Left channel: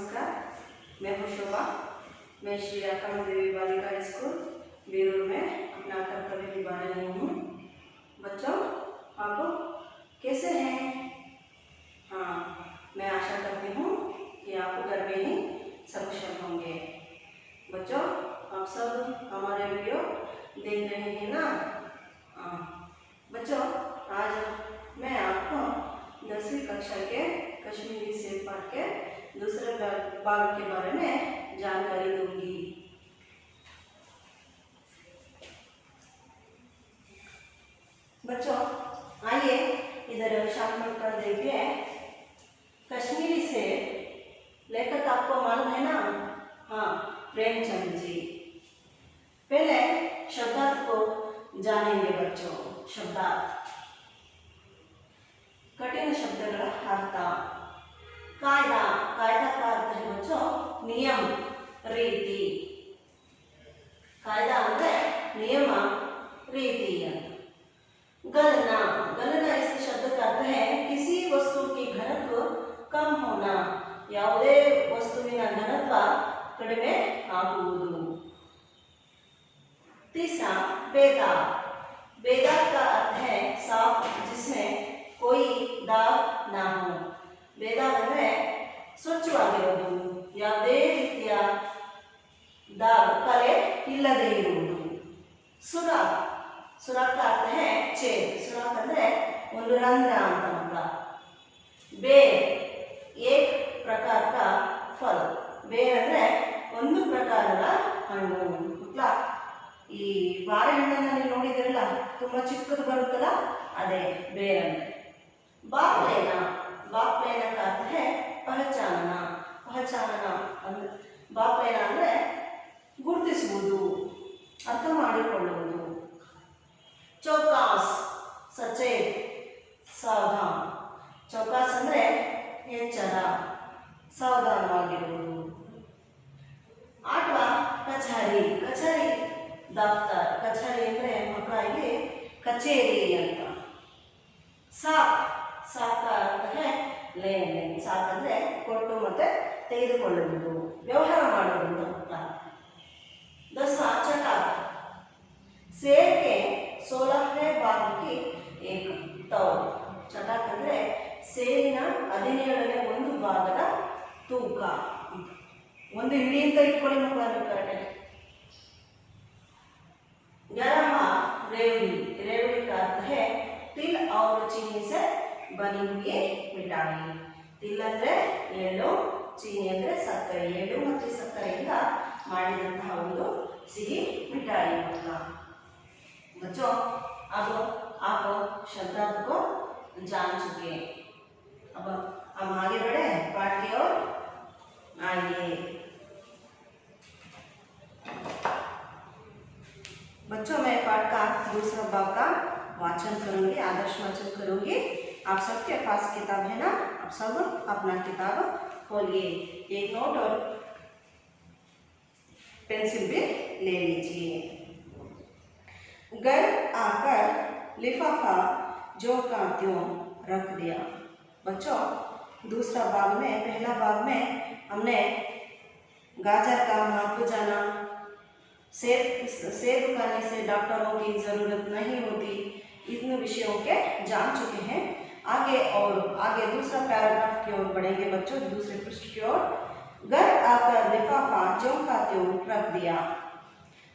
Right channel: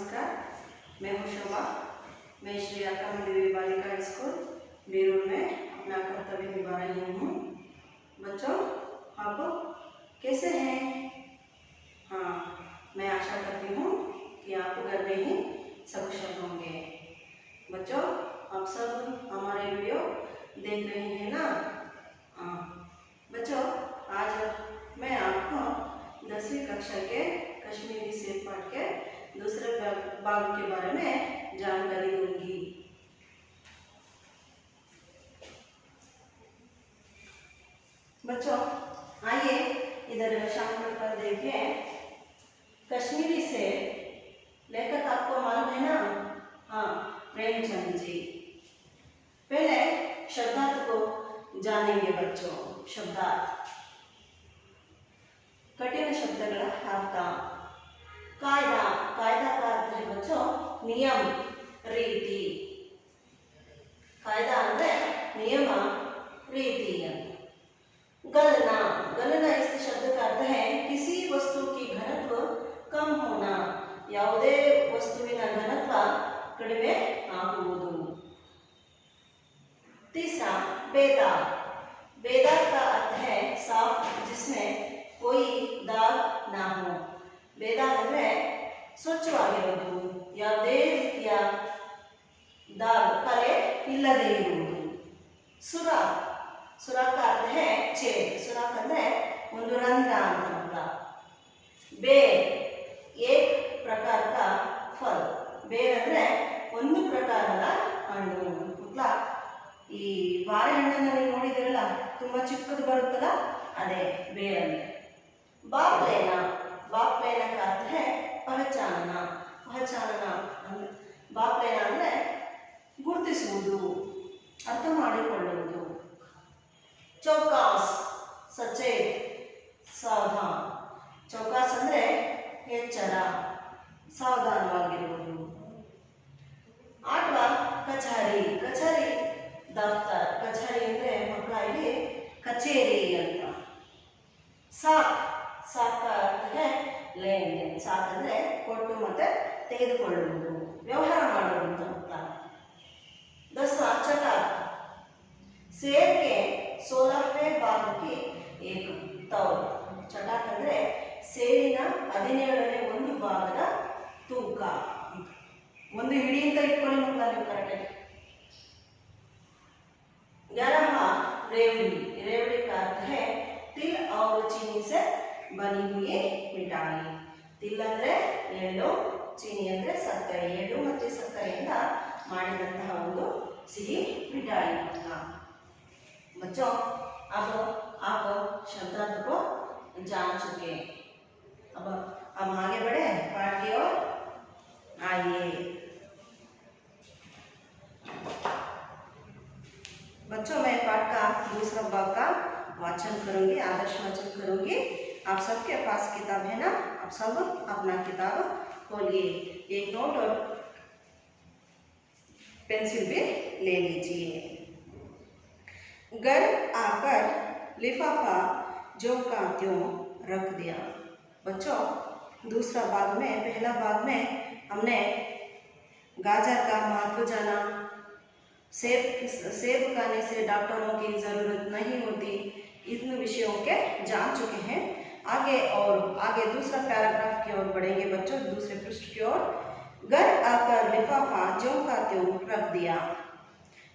नमस्कार, मैं हूँ शोभा। मैं श्री आकाम देवी बालिका स्कूल बेरूर में अपना कर्तव्य निभा रही हूँ। बच्चों, आप कैसे हैं? हाँ, मैं आशा करती हूँ कि आप घर में ही सकुशल होंगे। बच्चों, आप सब हमारे वीडियो देख रहे हैं ना? बच्चों, आज मैं आपको 10वीं कक्षा के कश्मीरी सेब पाठ के दूसरे भाग के बारे में जानकारी दूंगी। बच्चों, आइए इधर शामिल कर देखिए। कश्मीरी सेब लेखक आपको मालूम है ना? हाँ, प्रेमचंद जी। पहले शब्दार्थ को जानेंगे बच्चों। शब्दार्थ कठिन शब्दಗಳ ಅರ್ಥ। कायदा, कायदा का अर्थ है बच्चों नियम, रीति। कायदा ಅಂದ್ರೆ नियम, रीति। गणना, गणना इस शब्द का अर्थ है किसी वस्तु की घनत्व कम होना, ಯಾವುದೇ ವಸ್ತುವಿನ ಘನತ್ವ ಕಡಿಮೆ ಆಗುವುದು। तीसरा बेदाग, बेदाग का अर्थ है साफ जिसमें कोई दाग ना हो। बेदाग ಅಂದ್ರೆ ಸ್ವಚ್ಛವಾಗಿರುವುದು, ಯಾವುದೇ ರೀತಿಯ दाग ಕಲೆ ಇಲ್ಲದೆ ಇರುವುದು। ಸುರಾಖ್, ಸುರಾಖ್ का अर्थ है छेद। सुराख ಅಂದ್ರೆ ಒಂದು ರಂಧ್ರ ಅಂತ ಅರ್ಥ। बेर, एक प्रकार का फल। बेर ಅಂದ್ರೆ ಒಂದು ಪ್ರಕಾರದ ಹಣ್ಣು। मतलब ಈ ಬಾಳೆಹಣ್ಣನ್ನ ನೀವು ನೋಡಿದಿರಲ್ಲ, ತುಂಬಾ ಚಿಕ್ಕದು ಬರುತ್ತಲ್ಲ, ಅದೇ ಬೇರ್ ಅಂದ್ರೆ। बापलेना, बापलेना का अर्थ है पहचानना। पहचानना ಅಂದ್ರೆ ಬಾಪ್ಲೇನ ಅಂದ್ರೆ ಗುರುತಿಸುವುದು, ಅರ್ಥ ಮಾಡಿಕೊಳ್ಳುವುದು। ಚೌಕಾಸ್, ಸಚೇತ್, ಸಾವಧಾನ್। ಚೌಕಾಸ್ ಅಂದ್ರೆ ಎಚ್ಚರ, ಸಾವಧಾನವಾಗಿರುವುದು। ಆಟ್ವಾ ಕಚೇರಿ, ಕಚೇರಿ ದಫ್ತರ್, ಕಚೇರಿ ಅಂದ್ರೆ ಮಕ್ಕಳಿಗೆ ಕಚೇರಿ ಅಂತ। ಸಾಕ್, ಸಾಕ್ का अर्थ है लेन देन। ಸಾಕ್ ಅಂದ್ರೆ ಕೊಟ್ಟು ಮತ್ತೆ ತೆಗೆದುಕೊಳ್ಳುವುದು, ವ್ಯವಹಾರ ಮಾಡುವುದು ಅಂತ। 10वां चटाक, सेब के 16वें भाग की एक तौल। चटाक ಅಂದ್ರೆ ಸೇಬಿನ 17ನೇ ಒಂದು ಭಾಗದ ತೂಕ, ಒಂದು ಹಿಡಿ ಅಂತ ಇಟ್ಕೊಳ್ಳಿ ಮಕ್ಕಳ ನೀವು ಕರೆಕ್ಟ್। 11वां रेवड़ी, रेवड़ी का अर्थ है तिल और चीनी से बनी हुई मिठाई। तिल ಅಂದ್ರೆ ಎಳ್ಳು, ಚೀನಿ ಅಂದ್ರೆ ಸಕ್ಕರೆ। ಎಳ್ಳು ಮತ್ತು ಸಕ್ಕರೆಯಿಂದ ಮಾಡಿದಂತಹ ಒಂದು ಸಿಹಿ मिठाई ಅಂತ। बच्चों, अब आप शब्दार्थ को जान चुके। अब हम आगे बढ़े, पाठ की ओर आइए। बच्चों, मैं पाठ का दूसरा भाग का वाचन करूंगी, आदर्श वाचन करूंगी। आप सबके पास किताब है ना? आप सब अपना किताब खोलिए, एक नोट और पेंसिल भी ले लीजिए। घर आकर लिफाफा जो का त्यों रख दिया। बच्चों, दूसरा भाग में, पहला भाग में हमने गाजर का महत्व जाना, सेब खाने से डॉक्टरों की ज़रूरत नहीं होती, इन विषयों के जान चुके हैं। आगे दूसरा पैराग्राफ की ओर बढ़ेंगे बच्चों, दूसरे पृष्ठ की ओर। घर आकर लिफाफा ज्यों का त्यों रख दिया।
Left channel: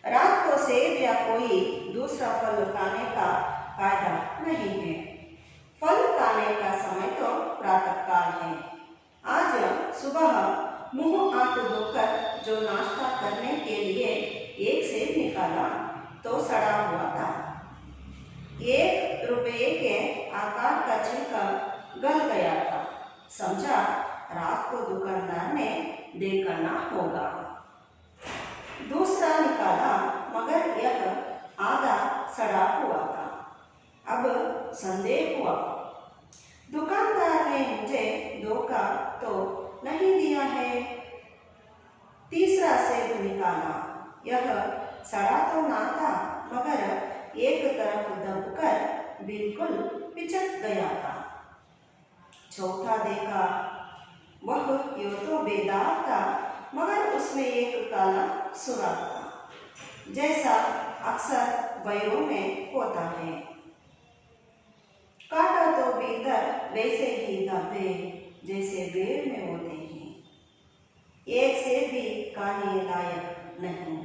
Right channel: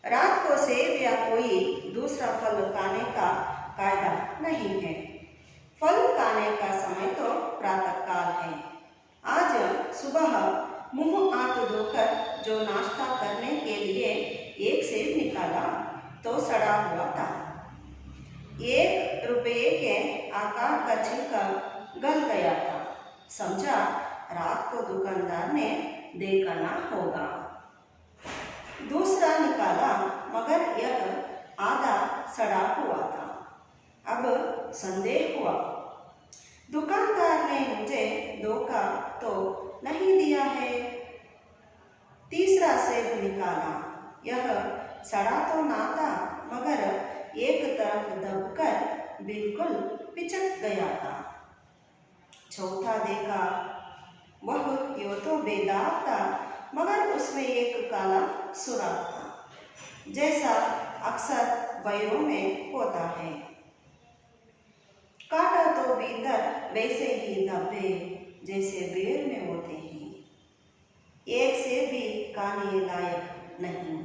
रात को सेब या कोई दूसरा फल खाने का कायदा नहीं है। फल खाने का समय तो प्रातः काल है। आज सुबह मुंह हाथ धोकर जो नाश्ता करने के लिए एक सेब निकाला तो सड़ा हुआ था। 1 रुपये के आकार का छिलका गल गया था। समझा रात को दुकानदार ने देखना होगा। दूसरा निकाला मगर यह आधा सड़ा हुआ था। अब संदेह हुआ, दुकानदार ने मुझे धोखा तो नहीं दिया है। तीसरा सेब निकाला, यह सड़ा तो ना था मगर एक तरफ दबकर बिल्कुल पिचक गया था। चौथा देखा, वह यूं तो बेदाग था, मगर उसमें एक काला सुराख था, जैसा अक्सर बैलों में होता है। कांटा तो भीतर वैसे ही धब्बे जैसे बेर में होते हैं, एक से भी खाने लायक नहीं।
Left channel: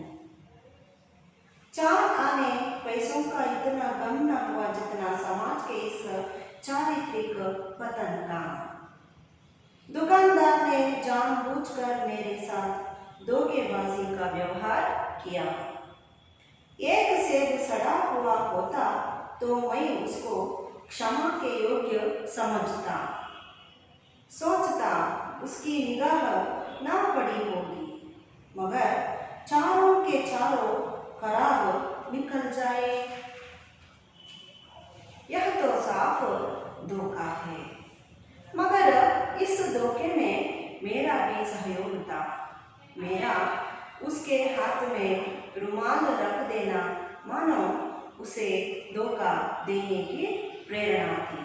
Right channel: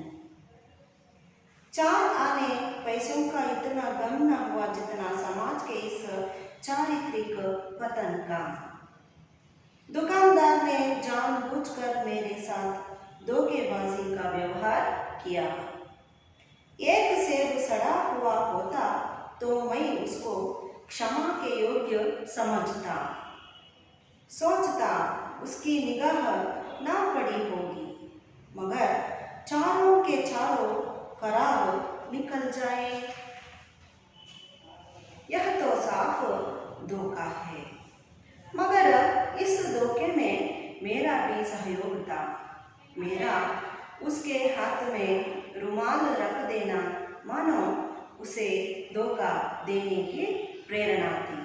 4 आने पैसों का इतना गम न हुआ जितना समाज के इस चारित्रिक पतन का। दुकानदार ने जानबूझकर मेरे साथ धोखेबाजी का व्यवहार किया। एक सेब सड़ा हुआ होता तो मैं उसको क्षमा के योग्य समझता, सोचता उसकी निगाह ना पड़ी होगी, मगर चारों के चारों खराब निकल जाए, यह तो साफ धोखा है। मगर इस धोखे में मेरा भी सहयोग था। मेरा उसके हाथ में रुमाल रख देना मानो उसे धोखा देने की प्रेरणा थी।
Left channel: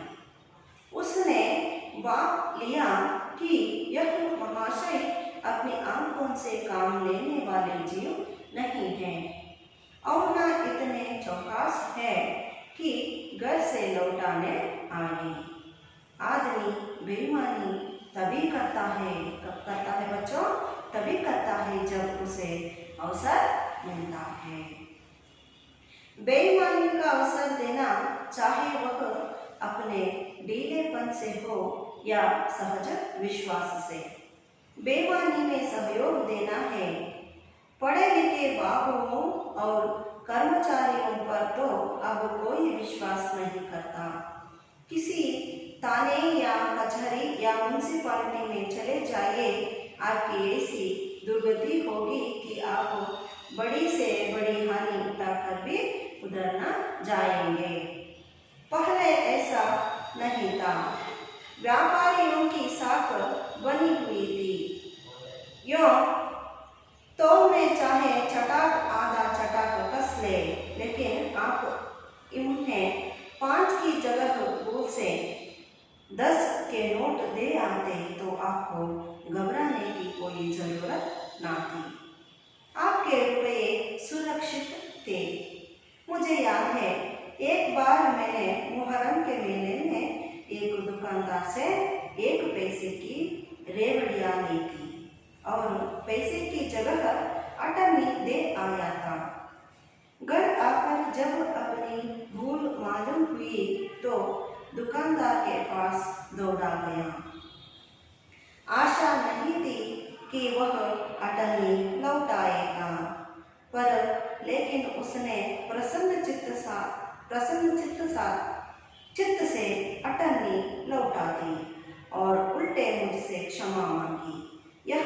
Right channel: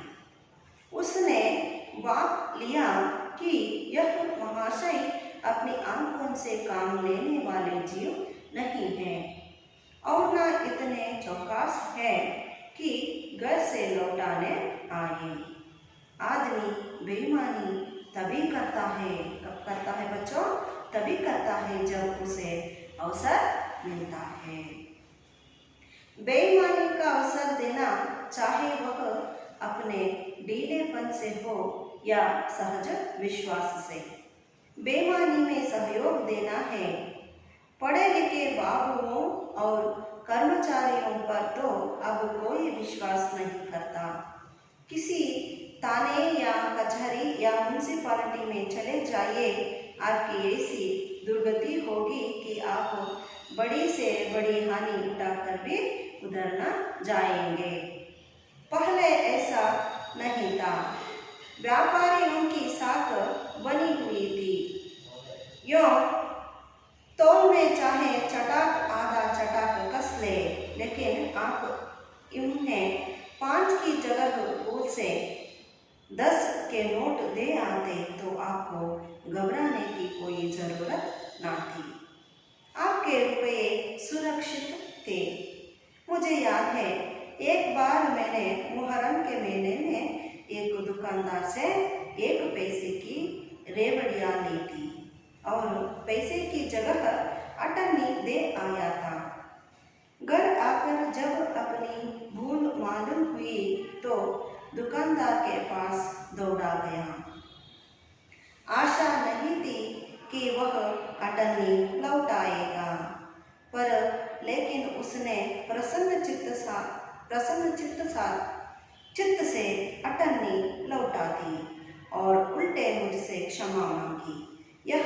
उसने बात लिया कि यह महाशय अपनी आंखों से काम लेने वाले जीव नहीं हैं और न इतने चौकस है कि घर से लौटाने आए। आदमी बेईमानी तभी करता है, कब करता है बच्चों? तभी करता है जब उसे अवसर मिलता है। बेईमानी का अवसर देना, चाहे वह अपने ढीलेपन से हो या सहज विश्वास से, बेईमानी में सहयोग देना है। पढ़े लिखे बाबुओं और कर्मचारियों पर तो अब कोई विश्वास नहीं करता। किसी थाने या कचहरी या म्यूनिसिपालिटी में चले जाइए, आपकी ऐसी दुर्गति होगी कि आप बड़ी से बड़ी हानि उठाकर भी उधर न जाएंगे। पहले ऐसा नहीं था। व्यापारियों की साख बनी हुई थी। यूं तोल में चाहे चटाक आधा चटाक कस ले, लेकिन आप इन्हें 5 की जगह भूल से 10 के नोट दे आते तो आपको घबराने की कोई जरूरत ना थी। आपके रुपये सुरक्षित थे। मुझे याद है, एक बार मैंने मुहर्रम के मेले में एक दुकानदार से 1 पैसे की रेवड़ियाँ ली थी और पैसे की जगह अटनी दे आया था। घर आकर जब अपनी भूल मालूम हुई तो दुकानदार के पास दौड़ा गया। आशा नहीं थी कि वह अटनी लौटाएगा, पर लेकिन उसने प्रसन्न चित्त से अटनी लौटा दी और उल्टे मुझसे क्षमा मांगी। यह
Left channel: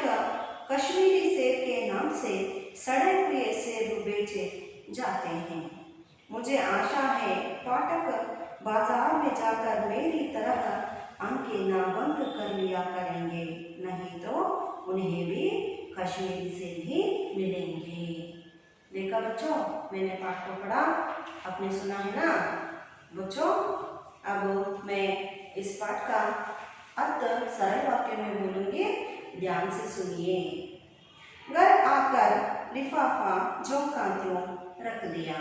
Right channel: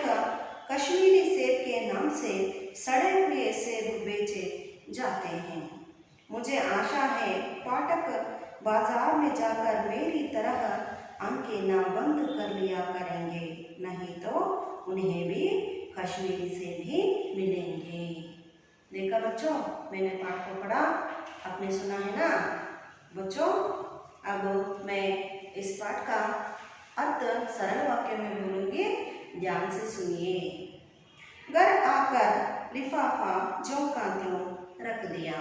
कश्मीरी सेब के नाम से सड़े हुए सेब बेचे जाते हैं। मुझे आशा है पाठक बाजार में जाकर मेरी तरह आंखें ना बंद कर लिया करेंगे, नहीं तो उन्हें भी कश्मीरी सेब ही मिलेंगे। देखा बच्चों, मैंने पाठ को पढ़ा, आपने सुना है ना बच्चों। अब मैं इस पाठ का अर्थ सरल वाक्य में बोलूँगी, ध्यान से सुनिए। घर आकर लिफाफा जो का त्यों रख दिया।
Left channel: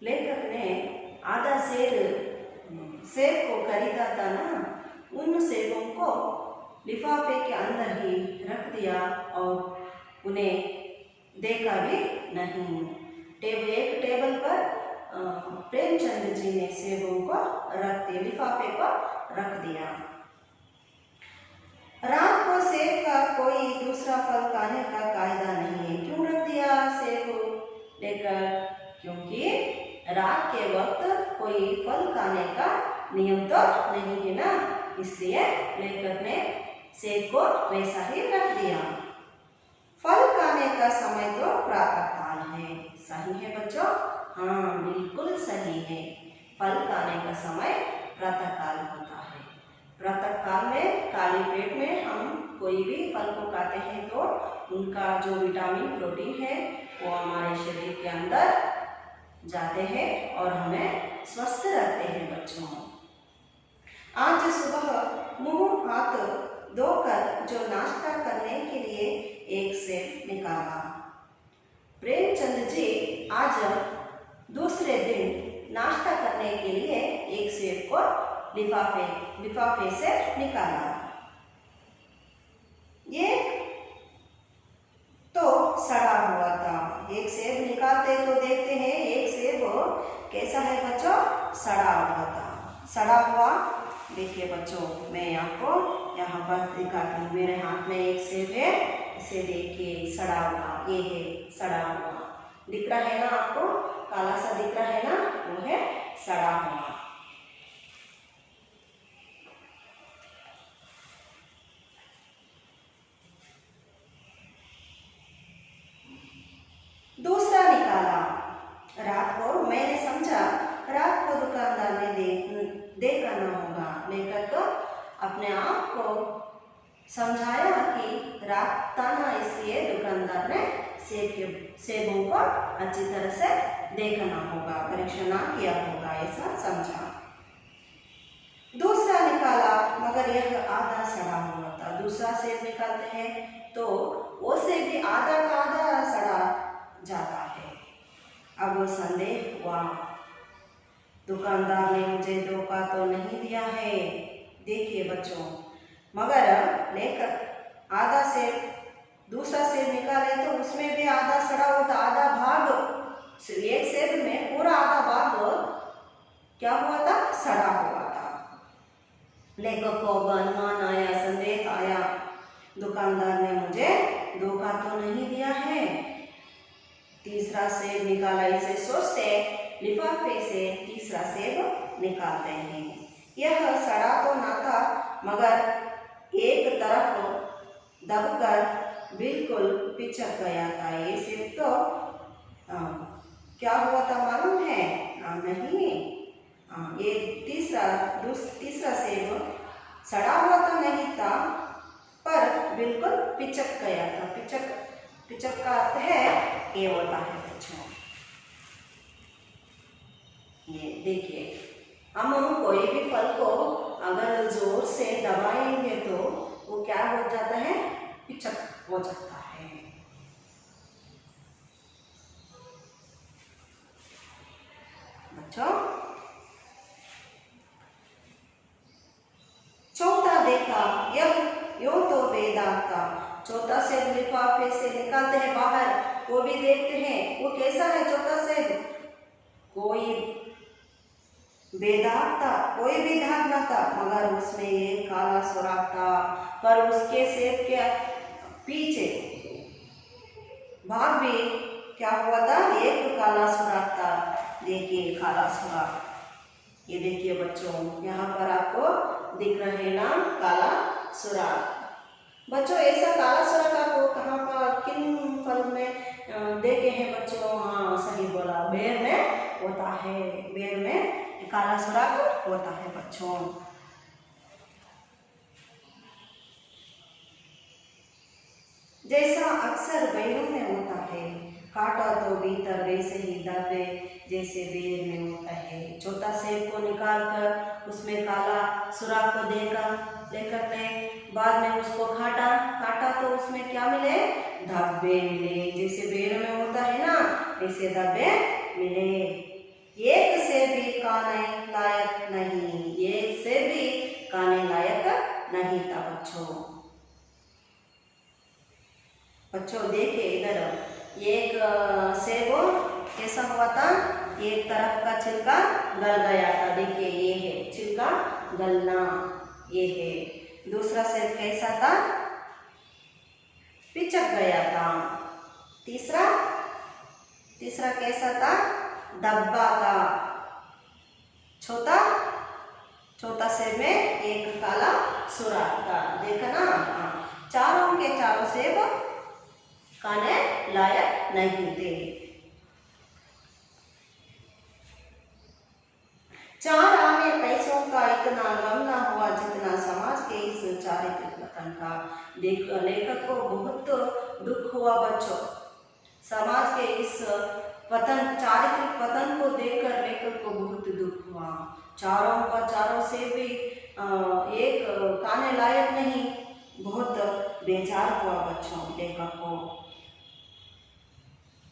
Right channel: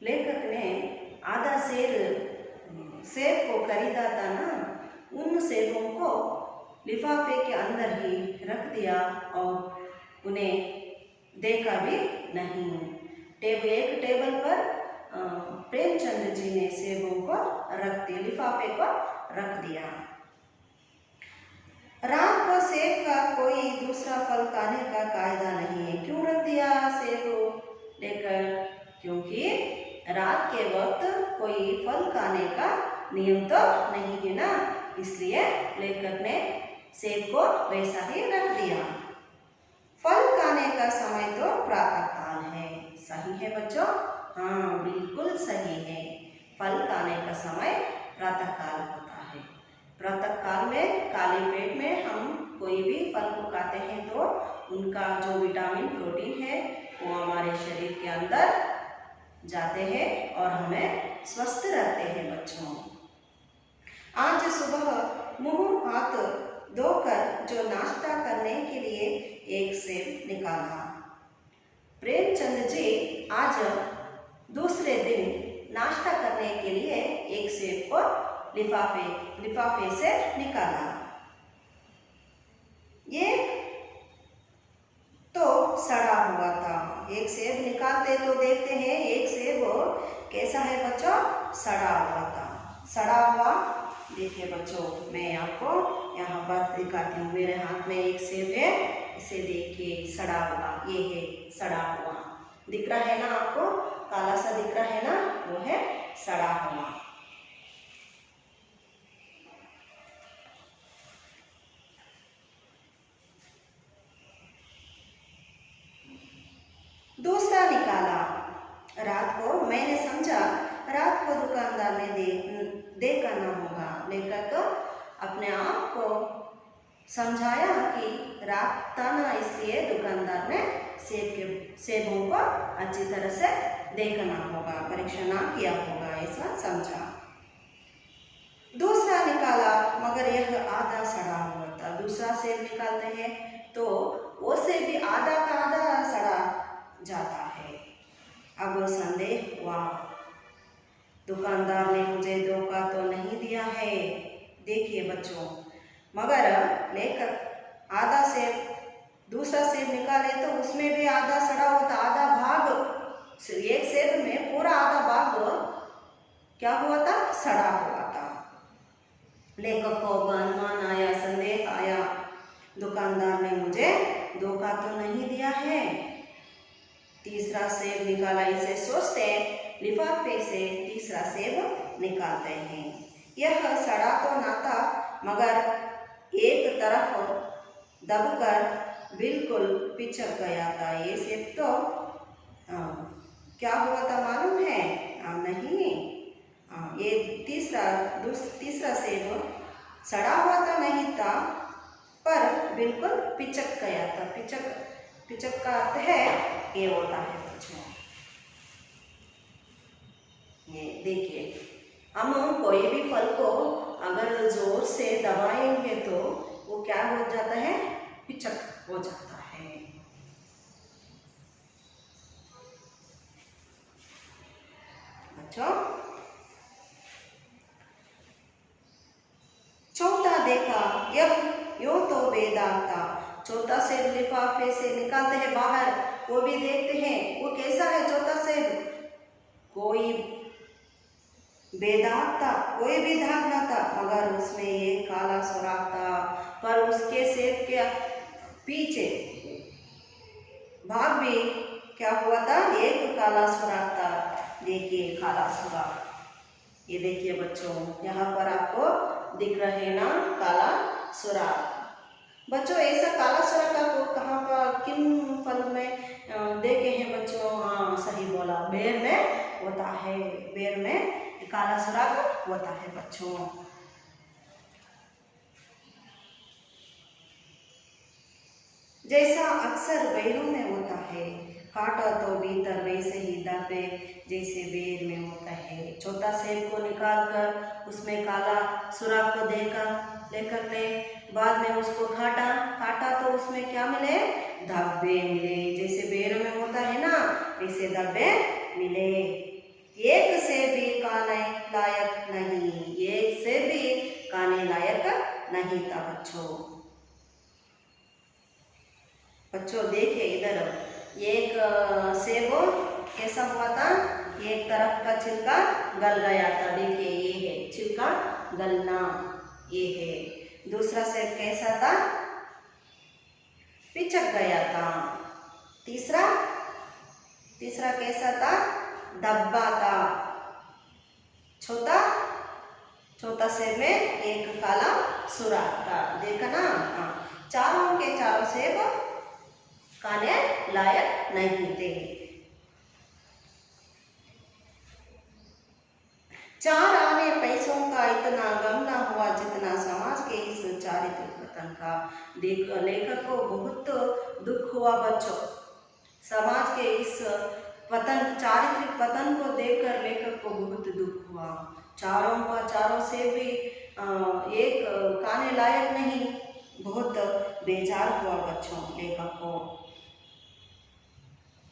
लेखक ने आधा सेब को खरीदा था ना, उन सेबों को लिफाफे के अंदर ही रख दिया और उन्हें देखा भी नहीं। एक टेबल पर प्रेमचंद जी ने सेबों को रख दिया, लिफाफे को रख दिया। रात को सेब का कोई दूसरा फल खाने का कायदा नहीं है। क्यों रख दिया सेब लेकर? क्योंकि रात के वक्त कोई फल खाने का नियम तो नहीं है ना, इसलिए लेखक ने सेब को वैसा ही रख दिया। फल खाने का समय तो प्रातः काल है। सही है बच्चों? हाँ, बिल्कुल सही है। फल खाने का समय प्रातः काल होता है। प्रातः काल में खाली पेट में हम कोई भी फल को खाते हैं तो उनका जो विटामिन प्रोटीन है वो हमारे शरीर के अंदर जाते हैं और हमें स्वस्थ रखते हैं बच्चों। आज सुबह मुंह हाथ धोकर जो नाश्ता करने के लिए एक सेब निकाला। प्रेमचंद जी आज दूसरे दिन नाश्ता करने के लिए एक सेब को लिफाफे से निकाला। ये तो सड़ा हुआ था। एक सेब निकालते तो देखते हैं एक सेब कैसा है बच्चों, सड़ा हुआ था। सड़ा हुआ देखिए बच्चों, मैं आपको यहाँ पर दिखाती हूँ। मेरे हाथ में एक सेब है, इसे देखिए सड़ा हुआ, ये है सड़ा हुआ। दिख रहा है ना आपको, काला सा दिख रहा है ना, वो है सड़ा हुआ। दूसरा निकाला। रात को मैंने समझा रात को दुकानदार ने देखा न होगा। लेकर अपने आप को समझाया कि रात था ना, इसलिए दुकानदार ने सेबों को अच्छी तरह से देखना होगा, परीक्षण ना किया होगा, ऐसा समझा। दूसरा निकाला मगर यह आधा सड़ा हुआ था। दूसरा सेब निकालते हैं तो वो सेब भी आधा का आधा सड़ा जाता है। अब संदेह हुआ, दुकानदार ने मुझे धोखा तो नहीं दिया है। देखिए बच्चों, मगर लेकर आधा सेब, दूसरा सेब निकाले तो उसमें भी आधा सड़ा हुआ था, आधा भाग, एक सेब में पूरा आधा भाग क्या हुआ था, सड़ा हुआ था। लेखक को अनुमान आया, संदेह आया, दुकानदार ने मुझे धोखा तो नहीं दिया है। तीसरा सेब निकाला, इसे सोचते लिफाफे से तीसरा सेब निकालते हैं। यह सड़ा तो ना था, मगर एक तरफ दबकर बिल्कुल पिचक गया था। ये सेब तो क्या हुआ था मालूम है? नहीं, ये तीसरा सेब सड़ा हुआ तो नहीं था, पर बिल्कुल पिचक गया था। पिचक का अर्थ है ये होता है बच्चों। ये देखिए, हम कोई भी फल को अगर जोर से दबाएंगे तो वो क्या हो जाता है, पिचक हो जाता है। बच्चों, चौथा देखा, यह यूं तो बेदाग था। चौथा सेब लिफाफे से निकालते हैं बाहर, वो भी देखते हैं वो कैसा है चौथा सेब। कोई बेदाग था, कोई भी दाग ना था, मगर उसमें एक काला सुराख था। पर उसके सेब के पीछे भाग भी क्या हुआ था, एक काला सुराख था। देखिए काला सुराख, ये देखिए बच्चों, यहाँ पर आपको दिख रहे ना काला सुराख। बच्चों, ऐसा काला सुराख आपको कहाँ का, किन फल में देखे हैं बच्चों? हाँ सही बोला, बेर में होता है, बेर में काला सुराख होता है बच्चों। जैसा अक्सर बेरों में होता है, काटा तो भीतर वैसे ही दर्द जैसे बेर में होता है। चौथा सेब को निकालकर उसमें काला सुराख को लेकर ने बाद में उसको काटा तो उसमें क्या मिले, धब्बे मिले। जैसे बेर में होता है ना, वैसे धब्बे मिले। एक से भी खाने लायक नहीं, एक से भी खाने लायक नहीं था बच्चों देखिए इधर, एक सेब कैसा हुआ था, एक तरफ का छिलका गल गया था। देखिए ये है छिलका गलना, ये है। दूसरा सेब कैसा था, पिचक गया था। तीसरा कैसा था, धब्बा था। चौथा सेब में एक काला सुराख था। देखा ना, चारों के चारों सेब खाने लायक नहीं थे। 4 आने पैसों का इतना गम न हुआ जितना समाज के इस चारित्रिक पतन का। लेखक को बहुत दुख हुआ बच्चों, समाज के इस चारित्रिक पतन को देखकर लेखक को बहुत दुख हुआ। चारों सेब भी एक खाने लायक नहीं, बहुत बेजार हुआ बच्चों लेखक को।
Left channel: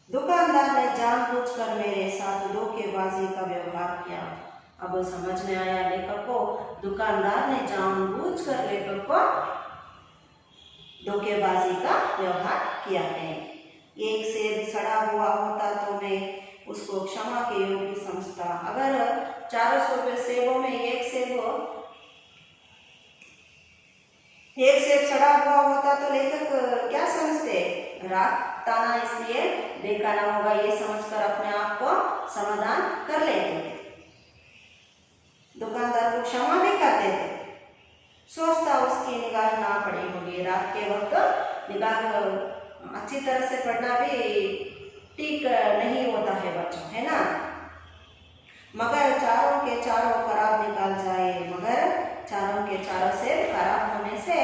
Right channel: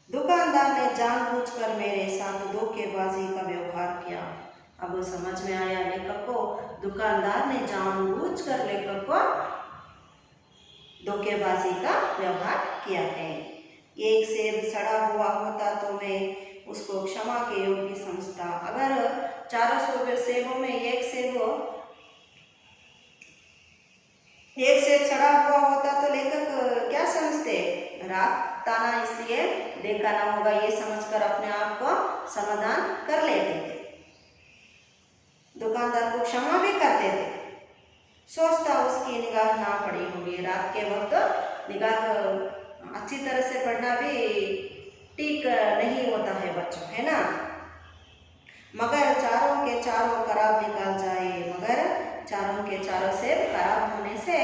दुकानदार ने जानबूझकर मेरे साथ धोखेबाजी का व्यवहार किया। अब समझ में आया लेखक को, दुकानदार ने जानबूझकर लेखक को धोखेबाजी का व्यवहार किया है। एक सेब सड़ा हुआ होता तो मैं उसको क्षमा के योग्य समझता। अगर 400 सेबों में एक सेब सड़ा हुआ होता तो लेखक क्या समझते, रात ताना इसलिए बेखाना होगा, ये समझकर अपने आप को समाधान कर लेते थे। दुकानदार को क्षमा भी कर देते। सोचता उसकी निगाह ना पड़ी होगी। रात के वक्त निगाह अच्छी तरह से पढ़ना भी ठीक नहीं होता है बच्चों, है ना। मगर चारों के चारों खराब निकाल जाए, मगर चारों के चारों सेब खराब होने से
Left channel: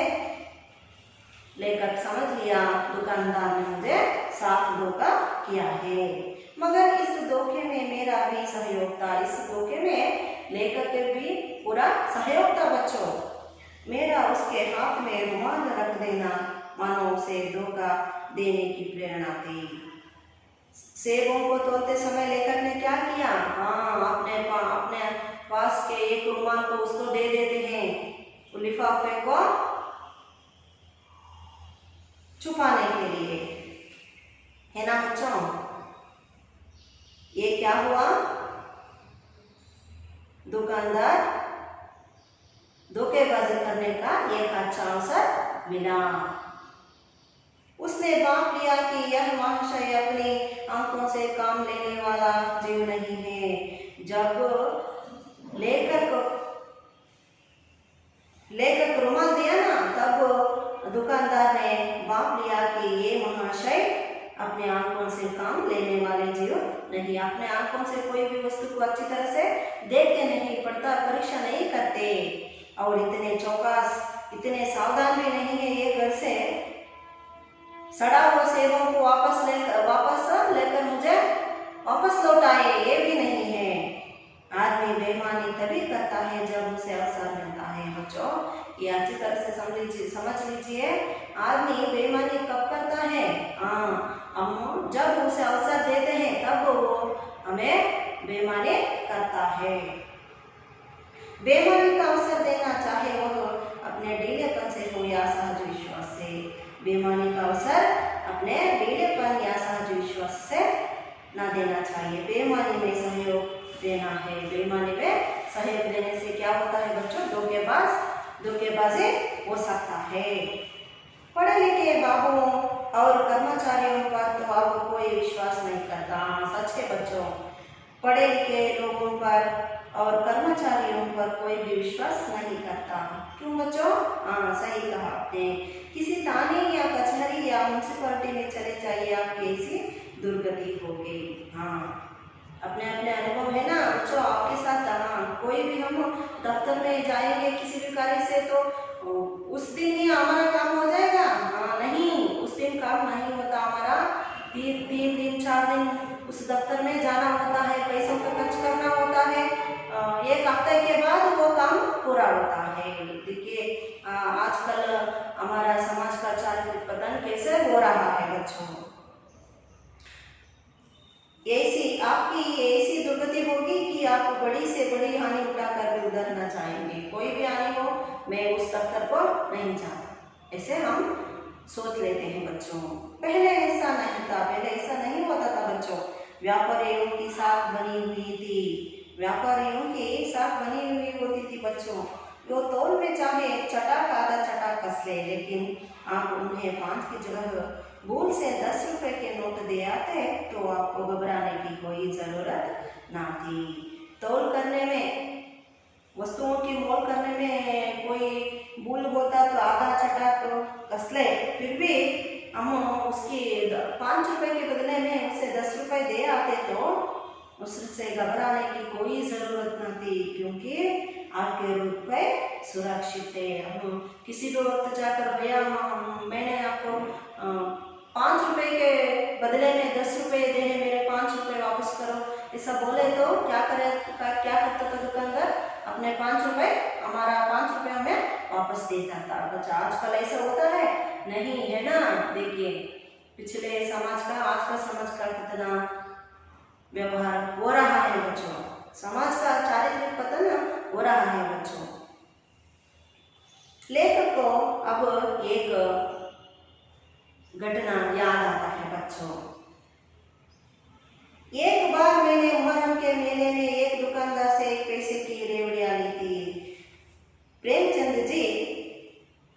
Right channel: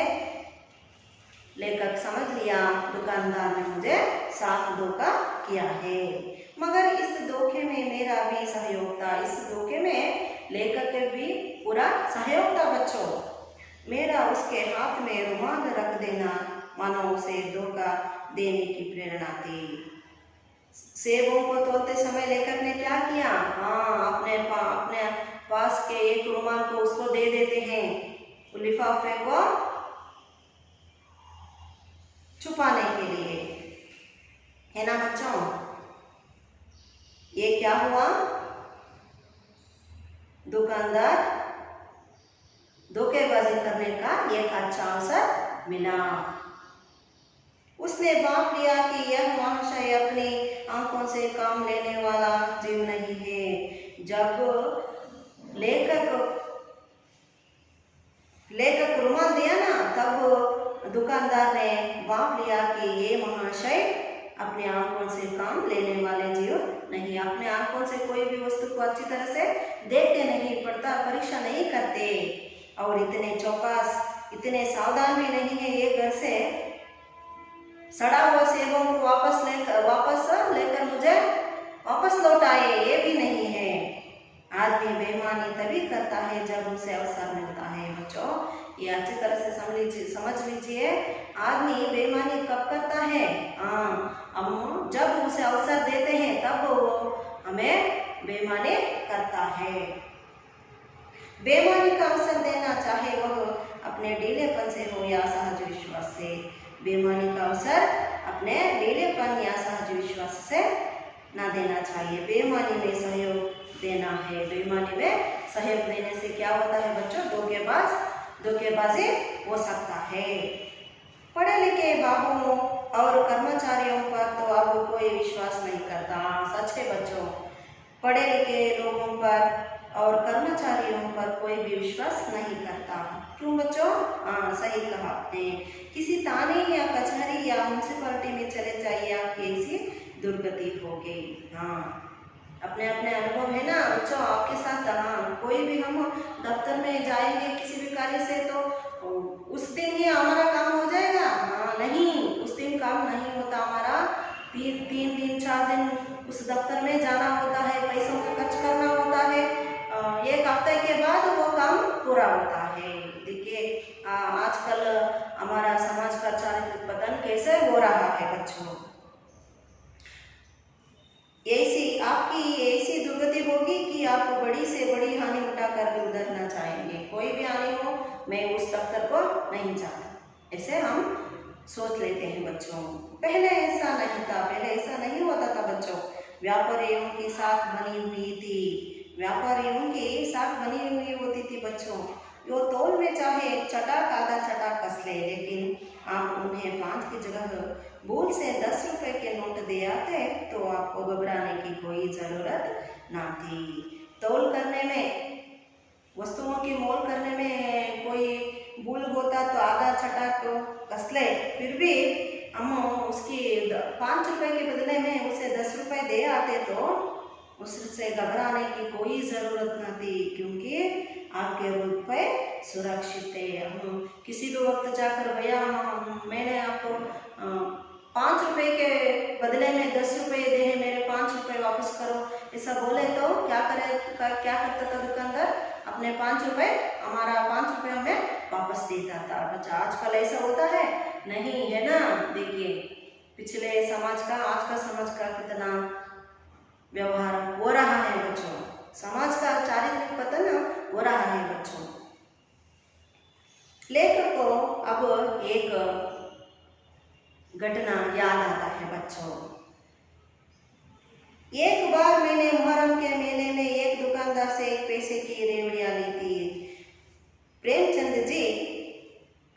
लेखक समझ लिया दुकानदार ने मुझे साफ धोखा किया है। मगर इस धोखे में मेरा भी सहयोग था, इस धोखे में लेखक के भी पूरा सहयोग था बच्चों। मेरा उसके हाथ में रुमाल रख देना मानो उसे धोखा देने की प्रेरणा थी। सेबों को तोलते समय लेखक ने क्या किया, हाँ अपने पास के एक रुमाल को उसको दे देते हैं लिफाफे को छुपाने के लिए, है ना बच्चों। ये क्या हुआ, दुकानदार धोखेबाजी करने का एक अच्छा अवसर मिला। उसने बांट लिया कि यह महाशय अपनी आंखों से काम लेने वाला जीव नहीं है। जब लेखक रुमाल दिया ना, तब दुकानदार ने बांट लिया कि ये महाशय अपने आंखों से काम लेने वाले जीव नहीं, अपने आंखों से कोई भी वस्तु को अच्छी तरह से देखते नहीं, पढ़ता परीक्षा नहीं करते और इतने चौकस इतने सावधान भी नहीं है। ये घर से सड़ा हुआ सेबों को वापस लेकर मुझे वापस लौटाए, ये भी नहीं है। आदमी बेईमानी तभी करता है जब उसे अवसर मिलता है बच्चों, ये अच्छी तरह से समझ लीजिए। आदमी बेईमानी कब करता है, हम जब उसे अवसर देते हैं तब वो हमें बेईमानी करता है। बेईमानी का अवसर देना चाहे वह अपने ढीलेपन से हो या सहज विश्वास से, बेईमानी का अवसर अपने ढीलेपन या सहज विश्वास से ना देना चाहिए। बेईमानी में सहयोग देना है। बेईमानी में सहयोग देने से क्या होता है बच्चों, धोखेबाजी हो सकता है। पढ़े लिखे बाबुओं और कर्मचारियों पर तो अब कोई विश्वास नहीं करता। सच है बच्चों, पढ़े लिखे लोगों पर और कर्मचारियों पर कोई भी विश्वास नहीं करता। क्यों बच्चों, सही कहा आपने। किसी थाने या कचहरी या म्यूनसिपालिटी में चले जाइए, आपकी ऐसी दुर्गति हो गई। अपने अपने अनुभव है ना बच्चों आपके साथ। कोई भी हम दफ्तर में जाएंगे किसी भी कार्य से तो उस दिन ही हमारा काम हो जाएगा, नहीं, उस दिन काम नहीं होता हमारा। 3 दिन 4 दिन उस दफ्तर में जाना होता है, पैसों का खर्च करना होता है, 1 हफ्ते के बाद वो काम पूरा होता है। देखिए आजकल हमारा समाज का चारित्रिक पतन कैसे हो रहा है बच्चों। आपकी ऐसी दुर्गति होगी कि आप बड़ी से बड़ी हानि उठाकर भी उधर न जाएंगे। कोई भी हानि हो, मैं उस दफ्तर को नहीं जाता, ऐसे हम सोच लेते हैं बच्चों। पहले ऐसा नहीं था, पहले ऐसा नहीं होता था बच्चों। व्यापारियों की साख बनी हुई थी, व्यापारियों की साख बनी हुई होती थी बच्चों। वो तौल में चाहे चटाक आधा चटाक कस ले, लेकिन आप उन्हें 5 की जगह भूल से 10 रुपए के नोट दे आते तो आपको घबराने की कोई ज़रूरत ना थी। तौल करने में, वस्तुओं की मोल करने में कोई भूल होता तो आधा चटाक कस ले, फिर भी हम उसकी 5 रुपए के बदले में उसे 10 रुपए दे आते तो उससे घबराने की कोई ज़रूरत न थी, क्योंकि आपके रुपए सुरक्षित थे। हम किसी भी वक्त जाकर भैया मैंने आपको 5 रुपए के बदले में 10 रुपए दे हैं, मेरे 5 रुपए वापस करो, ऐसा बोले तो क्या करता था दुकानदार, अपने 5 रुपए, हमारा 5 रुपए हमें वापस देता था। बच्चा आजकल ऐसा होता है नहीं, है ना। देखिए पिछले समाज का आज का समाज का कितना व्यवहार हो रहा है बच्चों, समाज का चारित्रिक पतन हो रहा है बच्चों। लेखक को अब एक घटना याद आता है बच्चों। एक बार मैंने मुहर्रम के मेले में एक दुकानदार से 1 पैसे की रेवड़ियां ली थी। प्रेमचंद जी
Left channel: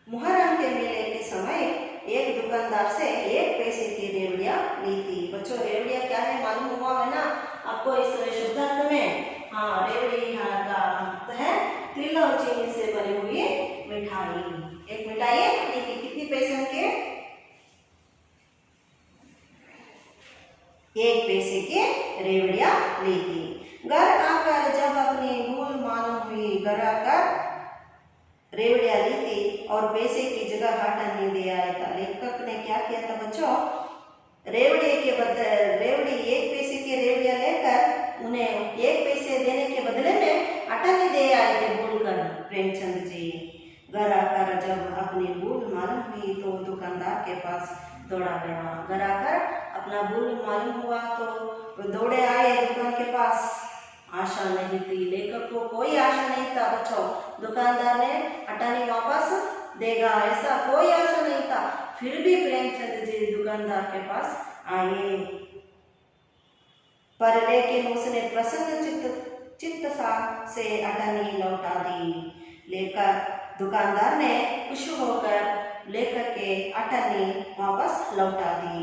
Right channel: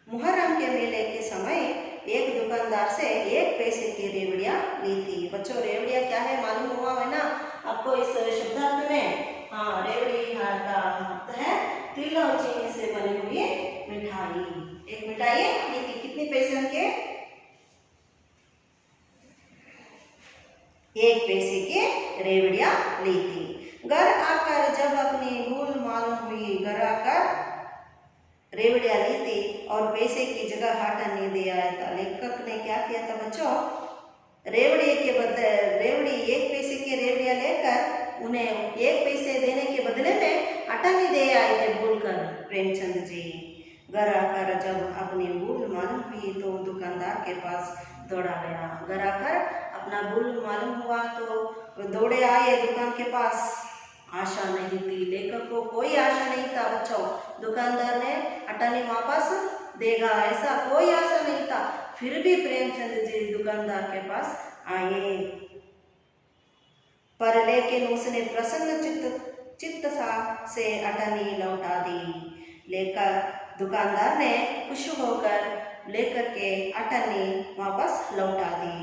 मुहर्रम के मेले के समय एक दुकानदार से 1 पैसे की रेवड़ियां ली थी। बच्चों रेवड़ियां क्या है मालूम हुआ है ना आपको इस शुद्धार्थ में। हाँ, रेवड़ी का अर्थ है तिल और चीनी से बनी हुई मिठाई। एक मिठाई ली थी, कितनी पैसे के? 1 पैसे की रेवड़ियां ली थी। घर आकर जब अपनी भूल मालूम हुई, घर आकर रेवड़ियां ली थी और पैसे की जगह हाटा नहीं दे आया था। लेखक ने क्या किया था बच्चों, रेवड़ी के बदले रेवड़ी 1 पैसे की रेवड़ियां लेकर उन्हें 1 पैसे देने के बदले में आटा नहीं दे आए थे भूलकर प्रेमचंद जी। घर आकर जब अपनी भूल मालूम हुई तो दुकानदार के पास दौड़ा गया। घर आकर अपना भूल मालूम हुआ तो दौड़े आए दुकान के पास। आशा नहीं थी, लेखक को कोई आशा नहीं था बच्चों, दुकानदार ने आटा नहीं वापस देगा ऐसा कोई आशा नहीं था। फिर भी प्रेमचंद जी दुकानदार के पास आए, पर लेकिन उसने प्रसन्न चित्त से अटनी लौटा दी। लेकर दुकानदार ने खुश होकर लेखक के अटनी वापस लौटा दी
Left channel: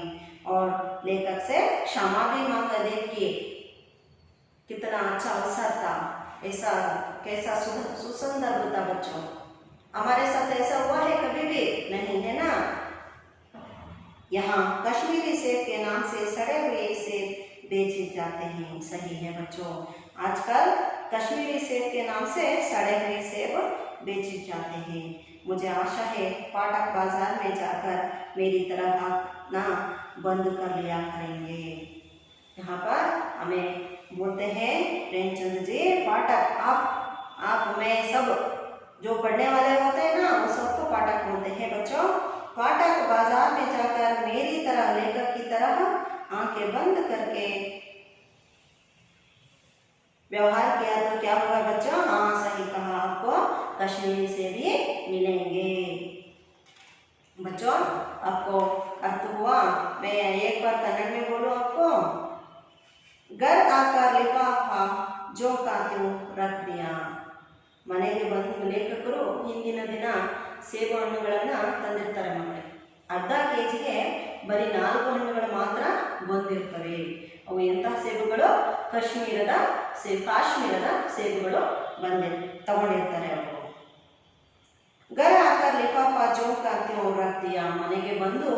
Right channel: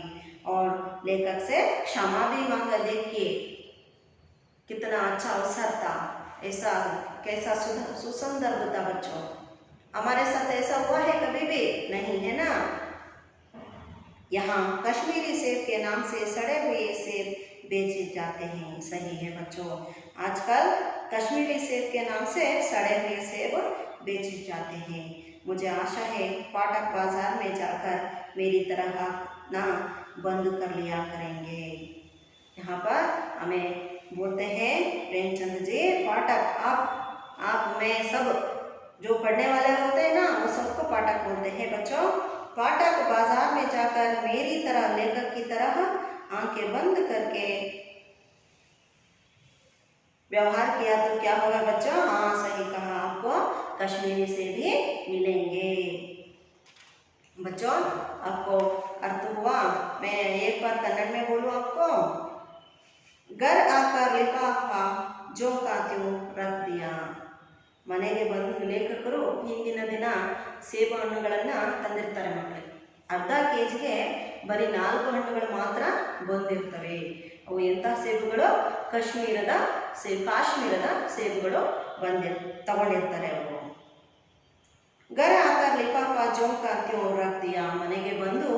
और लेखक से क्षमा भी मांगा। देखिए कितना अच्छा अवसर था, ऐसा कैसा सुसंदर होता बच्चों। हमारे साथ ऐसा हुआ है कभी भी नहीं, है ना। यहाँ कश्मीरी सेब के नाम से सड़े हुए सेब बेचे जाते हैं। सही है बच्चों, आजकल कश्मीरी सेब के नाम से सड़े हुए सेब बेचे जाते हैं। मुझे आशा है पाठक बाजार में जाकर मेरी तरह ना बंद कर लिया करेंगे। यहाँ पर हमें बोलते हैं प्रेमचंद जी, पाठक आप मैं सब जो पढ़ने वाले होते हैं ना वो सबको पाठक बोलते हैं बच्चों। पाठक बाजार में जाकर मेरी तरह लेखक की तरह आंखें बंद करके व्यवहार किया तो क्या होगा बच्चों? हाँ सही कहा, आपको कश्मीरी से भी मिलेंगे। बच्चों आपको अर्थ हुआ? मैं एक बार कन्नड़ में बोलूं आपको। घर आकर लिफाफा जो का त्यों रख दिया। ಮನೆಗೆ ಬಂದು ಲೇಖಕರು ಹಿಂದಿನ ದಿನ ಸೇಬು ಹಣ್ಣುಗಳನ್ನು ತಂದಿರ್ತಾರೆ ಮಕ್ಕಳೇ. ಅರ್ಧ ಕೆಜಿಗೆ ಬರೀ 4 ಹಣ್ಣುಗಳು ಮಾತ್ರ ಬಂದಿರ್ತವೆ. ಅವು ಎಂತಹ ಸೇಬುಗಳು? ಕಾಶ್ಮೀರದ ಸೇಬುಗಳು ತಗೊಂಡಿರ್ತಾರೆ ಅವರು. ಗರ ಆಕಾರ ಲಿಫಾಫಾ ಜೋಂಕ ಕ್ಯೂ ರಖ್ ದಿಯಾ. ಮನೆಗೆ ಬಂದು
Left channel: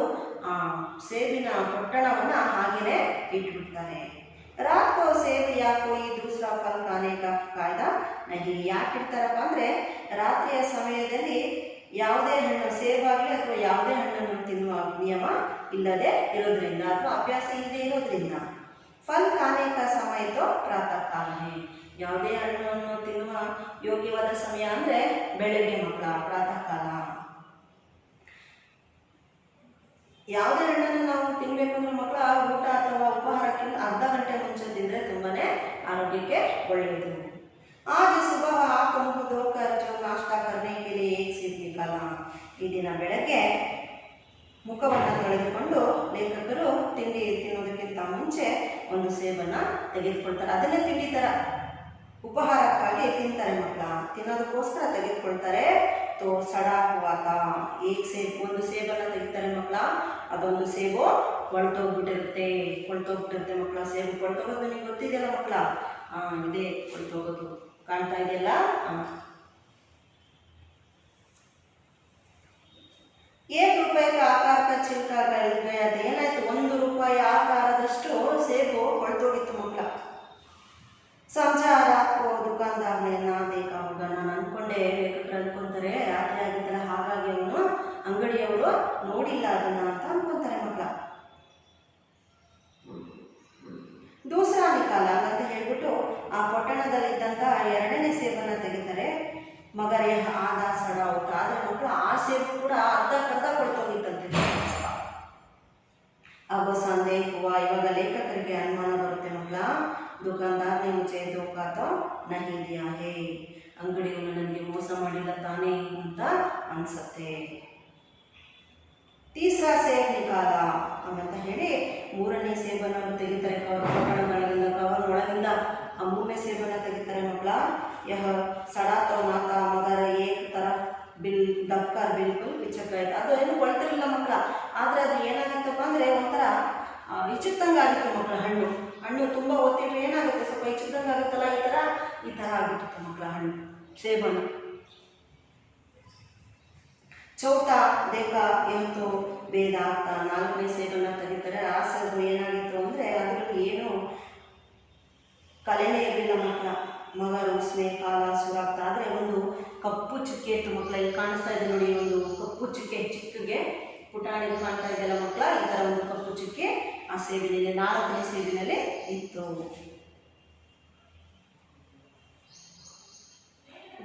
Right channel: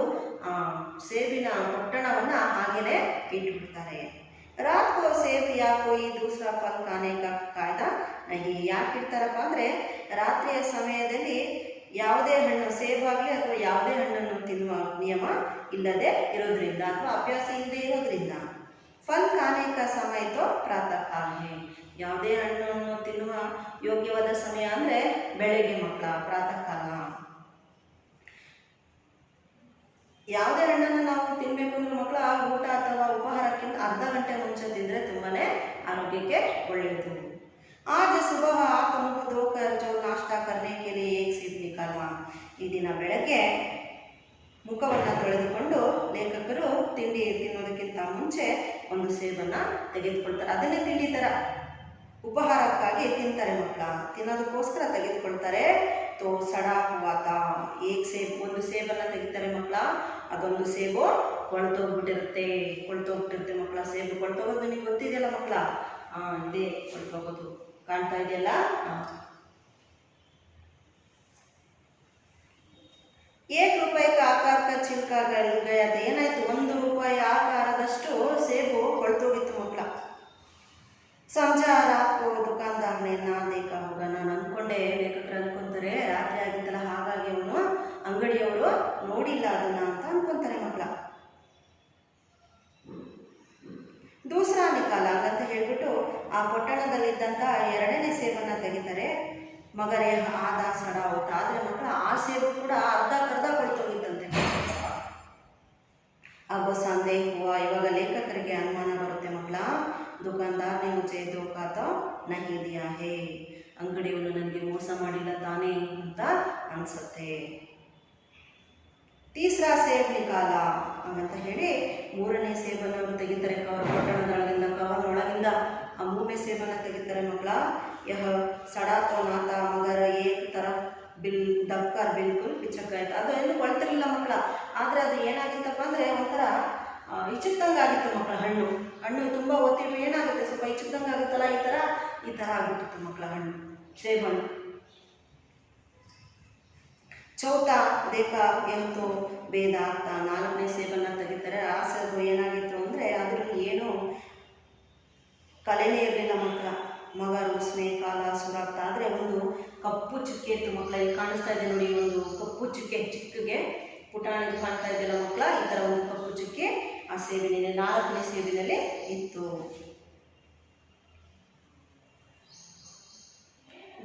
ಸೇಬಿನ ಪೊಟ್ಟಣವನ್ನು ಹಾಗೆಯೇ ಇಟ್ಬಿಡ್ತಾರೆ. रात को सेब या कोई दूसरा फल खाने का कायदा नहीं. ಯಾಕಿಡ್ತಾರಪ್ಪ ಅಂದರೆ ರಾತ್ರಿಯ ಸಮಯದಲ್ಲಿ ಯಾವುದೇ ಹಣ್ಣು ಸೇಬಾಗಲಿ ಅಥವಾ ಯಾವುದೇ ಹಣ್ಣನ್ನು ತಿನ್ನುವ ನಿಯಮ ಇಲ್ಲದೆ ಇರೋದ್ರಿಂದ ಅಥವಾ ಅಭ್ಯಾಸ ಇಲ್ಲದೆ ಇರೋದ್ರಿಂದ. ಫಲ್ ಖಾನೆ ಕಾ ಸಮಯ ತೋ ಪ್ರಾತಃ ಕಾಲ ಹೈ. ಯಾವುದೇ ಹಣ್ಣನ್ನು ತಿನ್ನುವ ಯೋಗ್ಯವಾದ ಸಮಯ ಅಂದರೆ ಬೆಳಗ್ಗೆ ಮಕ್ಕಳ ಪ್ರಾತಃ ಕಾಲ. ಯಾವುದೇ ಹಣ್ಣನ್ನು ನಾವು ತಿನ್ನಬೇಕು ಅಂದ್ರೆ ಮಕ್ಕಳ ಊಟ ಅಥವಾ ಉಪಹಾರಕ್ಕಿಂತ ಅರ್ಧ ಗಂಟೆ ಮುಂಚೆ ತಿಂದರೆ ತುಂಬಾನೇ ಆರೋಗ್ಯಕ್ಕೆ ಒಳ್ಳೆಯದು. आज सुबह आप मुँह धोकर जो नाश्ता करने के लिए एक सेब निकाला. ಈ ದಿನ ಬೆಳಗ್ಗೆ ಮುಖವನ್ನು ತೊಳೆದುಕೊಂಡು ಲೇಖಕರು ತಿಂಡಿ ತಿನ್ನೋದಕ್ಕಿಂತ ಮುಂಚೆ ಒಂದು ಸೇಬನ್ನು ತೆಗೆದುಕೊಳ್ತಾರೆ. ಅದನ್ನೇ ತಿಂಡಿ ಥರ ಉಪಹಾರಕ್ಕಾಗಿ ತಿಂತಾರೆ ಮಕ್ಕಳ, ತಿನ್ನೋದಕ್ಕೋಸ್ಕರ ತೆಗೆದುಕೊಳ್ತಾರೆ. ತೋ ಸಡಾ ಹುವಾತ ಏಕ್ ಸೇಬ್, ಒಂದು ಸೇಬನ್ನು ತೆಗಿತಾರೆ ಮಕ್ಕಳ. ಅದೊಂದು ಸೇಬು ಕೊಳ್ತೋಗ್ಬಿಟ್ಟಿರುತ್ತೆ ಮಕ್ಕಳ. ಸೇಬು ಕೊಳ್ತೋಗೋದು ನಿಮ್ಗೆ ಗೊತ್ತಿದೆಯಲ್ಲ ಮಕ್ಕಳ? ಇದೇ ಕೊಳ್ತೋಗೋದು, ಕಾಣ್ತಾ ಇದೆಯಲ್ಲ. एक रुपये का आकार का छिलका गया था. ಏನಾಯ್ತು? 1 ರೂಪಾಯಿ ಆಕಾರದಷ್ಟು ಸೇಬು ಕೊಳ್ತೋಗಿತ್ತು ಮಕ್ಕಳ. समझा रात को दुकानदार ने ना देखा होगा. ನಾನು ಅಂದ್ಕೊಂಡೆ, ಲೇಖಕರು ಅಂದ್ಕೊಂತಾರೆ ರಾತ್ರಿ ಆಗಿದ್ದಲ್ಲ ಹಾಗಾಗಿ ಅವನು ಅಂಗಡಿಯವರು ನೋಡಿಲ್ಲ ಅದನ್ನ ಅಂತ ಅಂದ್ಕೊಂತಾರೆ ಮಕ್ಕಳ. ದೂಸರಾ ನಿಕಾಲ ಅಂತ ಹೇಳ್ಬಿಟ್ಟು ಆ ಪೊಟ್ಟಣ ಪೊಟ್ಟಣದಲ್ಲಿದ್ದಂಥ ಎರಡನೇ ಸೇಬನ್ನು ತೆಗಿತಾರೆ. ಮಗರ ಯಹ ಆದಾ ಸಡ ಊಟ. ಆದರೆ ಮಕ್ಕಳು ಆ ಸೇಬು ಕೂಡ ಅರ್ಧಕ್ಕರ್ಧ ಕೊಳ್ತೋಗಿತ್ತಂತೆ. अब संदेह हुआ. ಇವಾಗ ಲೇಖಕರಿಗೆ ಅನುಮಾನ ಬರುತ್ತೆ ಮಕ್ಕಳ, ದುಕಾನ್ದಾರ್ ने मुझे धोखा तो नहीं दिया है, ಅಂಗಡಿಯವನು ನನಗೆ ಮೋಸ ಮಾಡಿಲ್ಲ ತಾನೇ ಅಂತ ಅನಿಸುತ್ತೆ. ತೀಸರಾ ಸೇಬ್ ನಿಕಾಲ ಹಾಗಂತ ಹೇಳಿ ಮೂರನೇ ಸೇಬನ್ನು ಅವರು ತೆಗಿತಾರೆ. ಪೊಟ್ಟಣದೊಳಗಿಂದ ಕವರ್ನೊಳಗಿಂದ ಆ ಮೂರನೇ ಸೇಬನ್ನು ತೆಗಿತಾರೆ ಮಕ್ಕಳ. ಯಹ ಸಡಾ ತೋ ನಾತಾ ಮಗರ ಏಕ್ ತರಫ್ ಬಿಲ್ ದಬ್ಕರ್ ಬಿಲ್ಕುಲ್ ಪಿಚಕಾಯ್ತು. ಅದು ಏನು ಕೊಳ್ತಿರಲಿಲ್ಲ ಮಕ್ಕಳ, ಆದರೆ ಅದು ಏನಾಗಿತ್ತಪ್ಪ ಅಂದರೆ ಒಂಥರ ಇಚ್ಚುತ್ತಂಗೆ ಆಗಿತ್ತು ಮಕ್ಕಳ. ಹಣ್ಣು ತುಂಬ ಒತ್ತಿಟ್ಟು ಏನಾಗುತ್ತೆ, ಸ್ವಲ್ಪ ಇಚ್ಚುತ್ತಂಗೆ ಆಗುತ್ತಲ್ಲ, ಈ ಥರ ಆಗಿಬಿಟ್ಟಿತ್ತು ಮಕ್ಕಳ ಹಣ್ಣು, ಸೇಬಣ್ಣು. ಚೌಥಾ ದೇಖ ಎಂತೂ ಭೇದ ಅಂತ ನಾಲ್ಕನೇ ಸೇಬನ್ನು ತೆಗಿತಾರೆ. ಆ ಸೇಬು ಏನಾಗಿತ್ತು ಅಂದರೆ ಅದರಲ್ಲಿ ಏನು ಕಲೆನೇ ಇರಲಿಲ್ಲ ಮಕ್ಕಳ. ಮಗರು ಉಸ್ಮೆ ಕಾಲ ಸುರಾಗ್ತಾ. ಆದರೆ ಒಂದು ಕಪ್ಪು ಚುಕ್ಕೆ ಇತ್ತು ಮಕ್ಕಳ. ಇಲ್ಲಿ ಕಾಣಿಸ್ತಾ ಇದೆ ನೋಡಿ, ಒಂದು ಕಪ್ಪು ಚುಕ್ಕೆ, ಚಿಕ್ಕಗೆ ಪುಟಾಣಿಗೆ ಕಾಣ್ತಾ ಇದೆಯಲ್ಲ ಮಕ್ಕಳ, ಈ ಥರ ಒಂದು ಕಪ್ಪು ಚುಕ್ಕೆ ಆ ಸೇಬಿನಲ್ಲಿ, ನಾಲ್ಕನೇ ಸೇಬಿನಲ್ಲಿ ಇತ್ತು.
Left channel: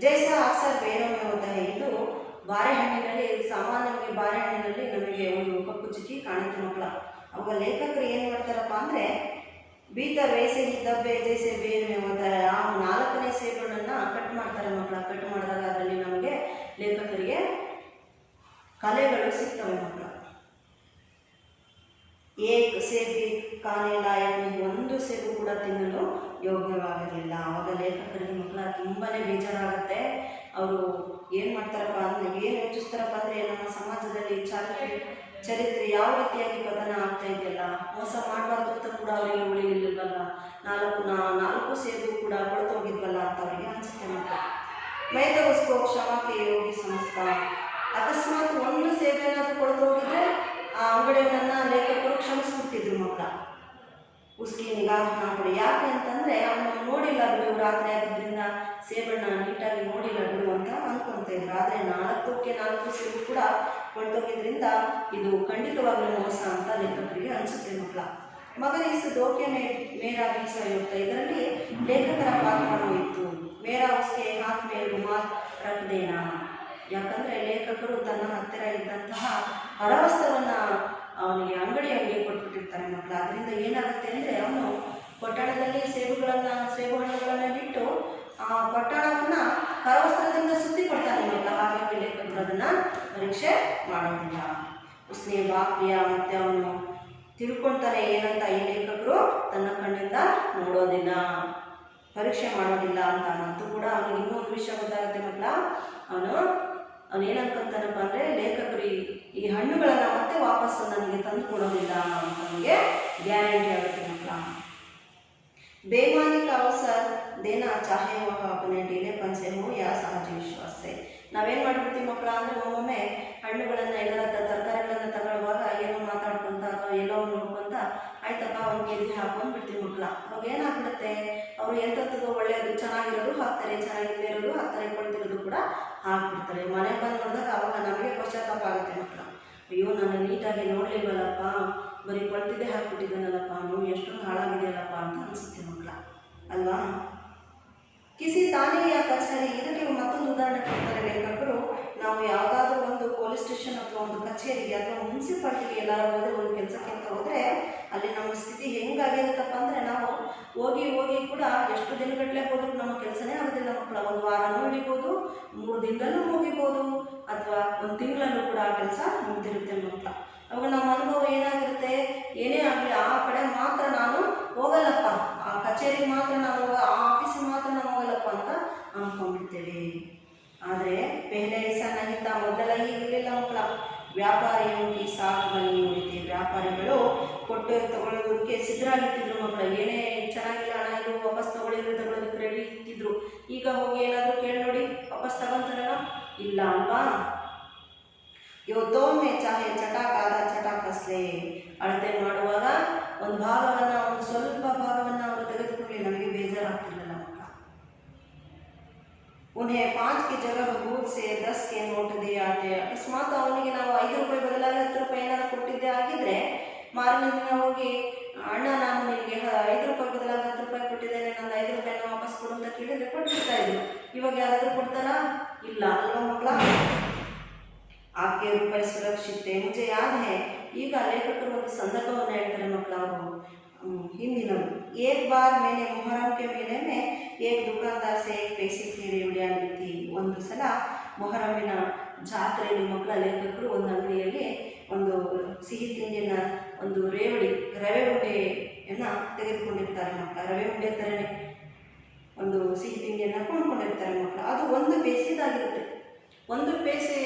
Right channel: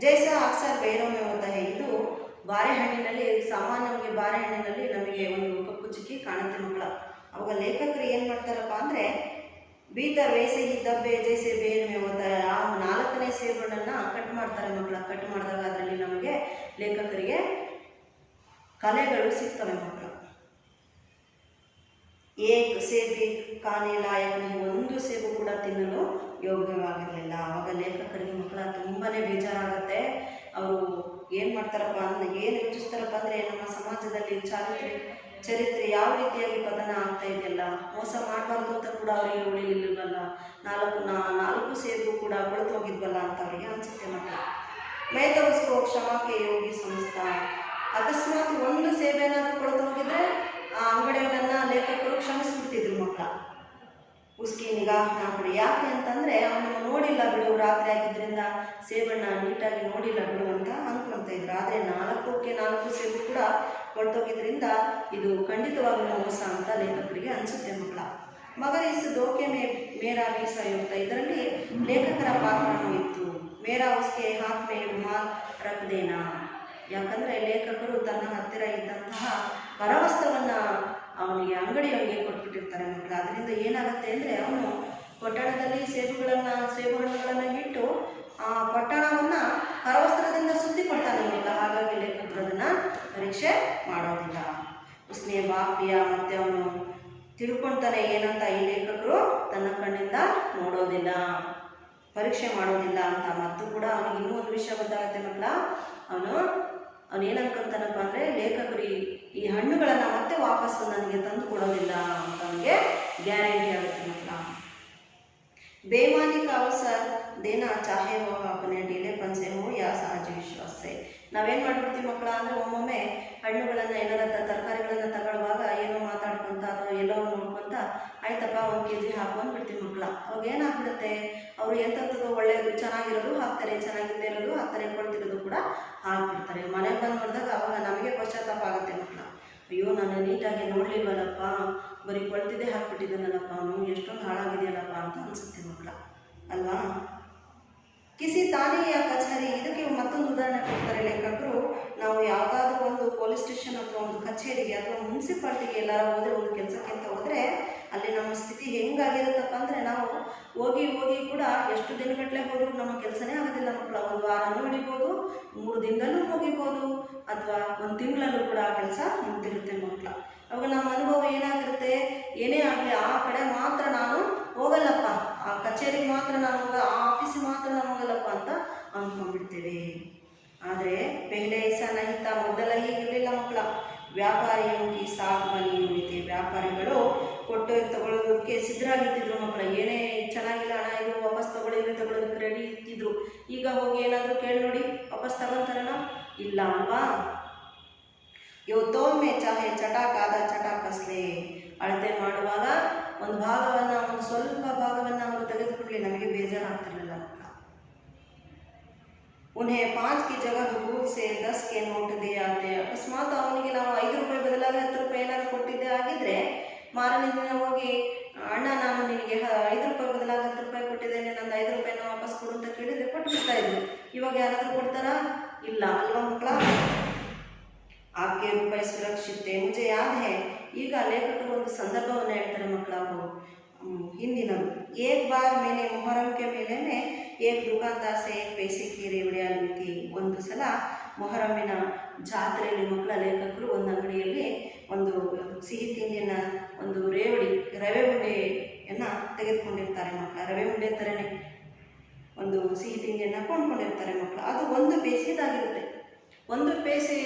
ಜೈಸ ಅಕ್ಸರ್ ಬೇರೋಮೆ ಹೋಗ್ತಾ है. ಇದು ಬಾರೆಹಣ್ಣಿನಲ್ಲಿ, ಸಾಮಾನ್ಯವಾಗಿ ಬಾರೆಹಣ್ಣಿನಲ್ಲಿ ನಮಗೆ ಒಂದು ಕಪ್ಪು ಚುಕ್ಕಿ ಕಾಣುತ್ತೆ ಮಕ್ಕಳ. ಅವಾಗ ಲೇಖಕರು ಏನು ಮಾಡ್ತಾರಪ್ಪ ಅಂದರೆ ಬೀತರ್ ವೈಸೆ ಹಿ ದಬ್ಬೆ ಜೈಸೆ ಬೇರ್ ಮೇ ಹೋಗ್ತಾ है. ಆ ನಾಲ್ಕನೇ ಸೇಬಣ್ಣನ್ನು ಕಟ್ ಮಾಡ್ತಾರೆ ಮಕ್ಕಳ. ಕಟ್ ಮಾಡಿದಾಗ ಅದರಲ್ಲಿ ನಮಗೆ ಲೇಖಕರಿಗೆ ಕಲೆಗಳು ಸಿಗ್ತವೆ ಮಕ್ಕಳ. ಏಕ್ ಸೇಬಿ ಕಾನೆ ಲಾಯಕ್, ಒಂದು ಸೇಬು ಕೂಡ ತಿನ್ನಲು ಯೋಗ್ಯವಾಗಿರಲಿಲ್ಲ. ಆವಾಗ ಲೇಖಕರಿಗೆ ಮಕ್ಕಳ ತುಂಬಾ ಬೇಜಾರಾಗುತ್ತೆ. ಅವರು ಏನು ಮಾಡ್ತಾರಪ್ಪ ಅಂದರೆ, ಏನು ಯೋಚಿಸ್ತಾರಪ್ಪ ಅಂದರೆ, ನಮ್ಮ ಸಮಾಜದಲ್ಲಿ ಚರಿತ್ರೆ ಯಾವ ರೀತಿಯಾಗಿ ಪತನ ಆಗ್ತಾ ಇದೆಯಲ್ಲ, ಮೋಸ ಮಾಡಬಾರ್ದು ಅಂತ ಕೂಡ ಅವರಿಗೆ ಉಳಿಲಿಲ್ವಲ್ಲ, ನಾಲ್ಕು ಸೇಬು ಕೂಡ ಕೊಳ್ತೋಗಿದ್ವಲ್ಲ ಅಂತ ಅವರಿಗೆ ಅನಿಸುತ್ತೆ ಮಕ್ಕಳ. ಮೈತ ಉಸ್ಕೋ ಕ್ಷಮಾಕೆ ಯೋಗಿ ಸಂಸ್ಥಾ. ಅಕಸ್ಮಾತ್ ಒಂದು ಸೇಬೇನಾದರೂ ಕೊಳ್ತೋಗಿದ್ರೆ ಆ ಅಂಗಡಿಯವರನ್ನ ಲೇಖಕರು ಕ್ಷಮಿಸ್ಬಿಡ್ತಿದ್ರು ಮಕ್ಕಳ. ಉಸ್ಕಿ ನಿಗಾಹ್ ಕೊಡಿ. ಯಾಕೆ ಅಂತಂದರೆ ಅವನು ನೋಡಿಲ್ಲ ಬಿಡು, ರಾತ್ರಿ ಆಗಿದ್ದರಿಂದ ಸೇಬಣ್ಣ ನೀಟಾಗಿ ನೋಡಿಲ್ಲ ಬಿಡು ಅಂತ ಅಂದ್ಕೊಳ್ತಾ ಇದ್ರು. ಆದರೆ 4 ಸೇಬು ಕೂಡ ಕೊಳ್ತೋಗಿದ್ರಿಂದ ಇದು ಖಂಡಿತವಾಗ್ಲೂ ಮೋಸ ಅಂತ ಲೇಖಕರಿಗೆ ಅನಿಸುತ್ತೆ ಮಕ್ಕಳ. ಮಗರ ಇಸ್ ದೋಕೆ ಮೇರಾ ಬೀಸಾಯುಕ್ತ. ಇದರಲ್ಲಿ ಲೇಖಕರ ಪಾತ್ರನೂ ಇತ್ತು. ಮೇರಾ ಉಸ್ಕೆ ಹಾತ್ ಮೇ ರುಮಾಲ್ ರಕ್ದೇನಾ. ಯಾಕಂದರೆ ಲೇಖಕರು ತನ್ನ ಹತ್ತಿರ ಇದ್ದಂತಹ ಕರವಸ್ತ್ರವನ್ನು ಅವನಿಗೆ ಅಂಗಡಿಯವನಿಗೆ ಕೊಟ್ಬಿಟ್ಟಿರ್ತಾರೆ ಮಕ್ಕಳ. ಅದರಿಂದ ಏನಾಗುತ್ತೆ ಅಂದರೆ ಅವನು ಪೊಟ್ಟಣದಲ್ಲಿ ಸೇಬು ಹಣ್ಣುಗಳನ್ನು ಬಿಟ್ಟು ಆ ಪೊಟ್ಟಣವನ್ನು ಕರವಸ್ತ್ರದಿಂದ ಸುತ್ತಿ ಕೊಡ್ತಾನೆ ಮಕ್ಕಳ. ಹಾಗಾಗಿ ಲೇಖಕರು ಅದನ್ನು ಪರೀಕ್ಷೆ ಮಾಡೋದಿಲ್ಲ. ಉಸ್ನೆ ಬಾಪ್ರಿಯ, ಮತ್ತು ಅವನು ತಿಳ್ಕೊಳ್ತಾನೆ ಏನಂತ, ಈ ಲೇಖಕರು ತನ್ನ ಕಣ್ಣಿಂದ ನೋಡೋದಿಲ್ಲ, ಪರೀಕ್ಷೆ ಮಾಡೋದಿಲ್ಲ ಅಂತ. ಮತ್ತು ಕೂಡ ಅವನಿಗೆ ಇನ್ನೊಂದು ವಿಷಯ ಗೊತ್ತಾಗುತ್ತೆ ಮಕ್ಕಳ. ಅವನು ಏನು ಅನ್ಕೊಂತಾನಪ್ಪ ಅಂದರೆ, ಲೇಖಕರು ಈ ಹಣ್ಣುಗಳನ್ನು ಮತ್ತೆ ವಾಪಸ್ಸು ನನಗೆ ತಂದು ಕೊಡೋದಿಲ್ಲ ಅಂತ ಅವನಿಗೆ ಗ್ಯಾರಂಟಿ ಆಗುತ್ತೆ ಮಕ್ಕಳ. ಬೇಮಾನಿ का अवसर देना चाहे वह अपने ढीलेपन से हो या सहज विश्वास से. ನಾವೇನು ಮಾಡ್ಬಿಡ್ತೀವಿ ಮಕ್ಕಳ ಅಂದರೆ, ಒಮ್ಮೊಮ್ಮೆ ಹಣ್ಣುಗಳನ್ನು ಎಲ್ಲರ ತರಕಾರಿಗಳನ್ನು ತಗೊಳ್ಳುವಾಗ ಏನೋ ಮಾತಾಡ್ಕೊತ ಅಥವಾ ಎಲ್ಲೋ ನೋಡ್ಕೊತ ಆಯ್ತಪ್ಪ ಒಂದು ಕೆಜಿ ಹಾಕೊಂಡ್ಬಿಡ್ತೀವಿ ಮಕ್ಕಳ. ಅವಾಗ ಏನಾಗ್ಬಿಡುತ್ತೆ, ಅವರು ಎಂಥದ್ದು ಒಳ್ಳೆಯದು ಚೆನ್ನಾಗಿರೋದು ಹಾಕ್ತಾರೆ, ಚೆನ್ನಾಗಿಲ್ಲದೆ ಇರೋದು ಹಾಕ್ತಾರೆ, ಕೊಡ್ತಿರೋದು ಕೂಡ ಹಾಕ್ಬಿಡ್ತಾರೆ. ಮನೆಗೆ ಬಂದು ನೋಡಿದಾಗ ಅವಾಗ ನಮಗೆ ಪಶ್ಚಾತ್ತಾಪ ಆಗುತ್ತೆ ಮಕ್ಕಳ. ಅಯ್ಯೋ ನಾನು ನೀಟಾಗಿ ನೋಡಲಿಲ್ವಲ್ಲಪ್ಪ, ಬರೀ ಕೊಳ್ತಿದ್ದೆ ಹಾಕ್ಬಿಟ್ಟಿದ್ದಾನಲ್ಲಪ್ಪ, ನಾವು ಎಷ್ಟೊಂದು ಹಾಳಾಗಿದೆಯಲ್ಲಪ್ಪ ಅಂತ ಅನಿಸುತ್ತೆ ಮಕ್ಕಳ ಅಲ್ವಾ. ಕಿಸಿ ತಾನಿಗೆ ಕಚೇರಿ. ಇದಕ್ಕೆ ಮತ್ತೊಂದು ಉದಾಹರಣೆ ಕೊಡ್ತಾರೆ ಲೇಖಕರು. ನಾವು ಯಾವುದಾದ್ರೂ ಒಂದು ಪೊಲೀಸ್ ಸ್ಟೇಷನ್ ಅಥವಾ ಒಂದು ಕಚೇರಿಗೆ ಅಥವಾ ಮುನ್ಸಿಪಾಲ್ಟಿಗೆ ಎಲ್ಲಾರು ಹೋದರೆ, ಒಂದು ಕೆಲಸಕ್ಕೆ ಅಂತ ಹೋದರೆ, ಅಲ್ಲಿ ನಮ್ಮ ಸ್ಥಿತಿ ಹೆಂಗಾಗಿರುತ್ತಪ್ಪ ಅಂದರೆ, ನಾವು ಹೋಗಿ ಕೂಡ ಎಷ್ಟು ದಿನಗಟ್ಟಲೆ ಹೋದ್ರೂ ನಮ್ಮ ಕೆಲಸನೇ ಆಗೋದಿಲ್ಲ ಮಕ್ಕಳ. ಒಂದು ವಾರನೂ ಹಿಡಿಬೋದು, 3 ದಿನದಲ್ಲೂ ಮುಗಿಬೋದು, ಅಥವಾ 1 ತಿಂಗಳಲ್ಲೂ ಕೂಡ ಆ ಕೆಲಸ ಮುಗ್ದಿರುತ್ತೆ ಮಕ್ಕಳ. ಅವಾಗ ನಮ್ಮ ಅನುಭವ ಏನಾಗಿರುತ್ತೆ, ಏನೇ ಆಗಲಿ ಆ ಕಡೆ ಮಾತ್ರ ನಾನು ಹೋಗಲ್ಲಪ್ಪ, ಆ ಕಚೇರಿಗೆ ಮಾತ್ರ ನಾನು ಆ ಆಫೀಸಿಗೆ ಮಾತ್ರ ನಾನು ಹೋಗಲ್ಲಪ್ಪ ಅಂತ ಅಂದ್ಕೊಂಡ್ಬಿಡ್ತೇವೆ. ಆದರೆ ಪೆಹಲೆ ಐಸಾ ನಹಿತ, ಮೊದಲ ಹೀಗಿರಲಿಲ್ಲ ಮಕ್ಕಳ. ವ್ಯಾಪಾರಿಯೋಗಿ ಸಾಕು ಬನ್ನಿ ಉಳಿತೆ. ವ್ಯಾಪಾರಿಗಳು ಕೊಟ್ಟು ತಗೊಳ್ಳೋದಕ್ಕೆ ಸಿದ್ಧರಾಗಿರ್ತಿದ್ರು ಮಕ್ಕಳ. ಏನೇ ಚೆನ್ನಾಗಿಲ್ಲ ಹಣ ಇದು ವಾಪಸ್ ತಗೊಳ್ಳೋದಕ್ಕೆ ರೆಡಿ ಇರ್ತಿದ್ರು. ಈಗ ಹೋಗಿ ಏನಾದರೂ ಕೇಳಿ ನೋಡಿ, ವಾಪಸ್ ತಗೊಳ್ತಾರೇನೋ? ಇಲ್ಲ ಅಲ್ವಾ. ಇವತ್ತೊಮ್ಮೆ ಚಾಹೆ ಚಟಾಕಾದ ಚಟಾಕಸ್ಲೆ. ಅಳತೆ ಮಾಡುವಾಗ ಒಂದು ಭಾಗವನ್ನು, ಒಂದು ಸ್ವಲ್ಪ ಭಾಗವನ್ನು ಅವರು ತೆಗೆದುಕೊಳ್ಳಿ, ನಮಗೆ ಬೇಜಾರಾಗ್ತಿರಲಿಲ್ಲ ಮಕ್ಕಳ. ಉನ್ಹೆ 5 की जगह दूर से 10 के ನೋಟ್ ದೇ ಆತೆ. ಅಕಸ್ಮಾತ್ ಅವನಿಗೆ ನಾವು 5 ರೂಪಾಯಿ ಬದಲಾಗಿ 10 ರೂಪಾಯಿ ಏನಾದರೂ ಕೊಟ್ಟಿದ್ದೇ ಆಗಿದ್ರೆ, ಮಾರನೇ ದಿನ ಹೋಗಿ ಅಣ್ಣ ನಾನು ನಿನಗೆ 5 ರೂಪಾಯಿ ಬದಲಾಗಿ 10 ರೂಪಾಯಿ ಕೊಟ್ಟಿದ್ದೇನೆ, ನಂದು 5 ರೂಪಾಯಿನ ವಾಪಸ್ ಕೊಡು ಅಂತ ಕೇಳಿದ್ರೆ ಕೊಟ್ಬಿಡ್ತಾ ಇದ್ರು. ಇವಾಗ ಯಾರಾದರೂ ಕೊಡ್ತಾರಾ? ಇಲ್ಲ ಅಲ್ವಾ ಮಕ್ಕಳ? ಆಕೆ ರೂಪಾಯಿ ಸುರಕ್ಷಿತೆ ಮುಜೆ ಯಾದ್ ಹೇ. ಈಗ ಲೇಖಕರು ಒಂದು ಸಂದರ್ಭವನ್ನು ಹೇಳ್ತಾರೆ ಮಕ್ಕಳ. ಅವರು ಹಿಂದಿನದು. ಏಕ್ ಬಾರ್ ಮೇಲೆ ಮೊಹರಂ ಕೆ ಮೇಲೆ ಏಕ್ ದುಕಾನ್ದಾರ್ ಸೆ ಏಕ್ ಪೈಸೆ ಕಿ ರೇವಡಿಯಾ ಲಿ ಥಿ. ಒಂದು ಸಲ ಮೊಹರಮಿನ ಜಾತ್ರೆಯಲ್ಲಿ ಮಕ್ಕಳ ಲೇಖಕರು ಒಂದು ಅಂಗಡಿಯಲ್ಲಿ ಒಂದು ಸಿಹಿ ತಿಂಡಿನ ಒಂದು ರವೆ ಉಂಡೆಯನ್ನು ತೆಗೆದುಕೊಂಡಿರ್ತಾರೆ ಮಕ್ಕಳ. ರವೆ ಉಂಡೆ ಥರನೇ ಒಂದು ಸಿಹಿ ತಿಂಡಿಯನ್ನು ಕೊಂಡ್ಕೊಂಡಿರ್ತಾರೆ ಮಕ್ಕಳ. ಅದು 1 ಪೈಸೆದಾಗಿರುತ್ತೆ. 1 ಪೈಸೆ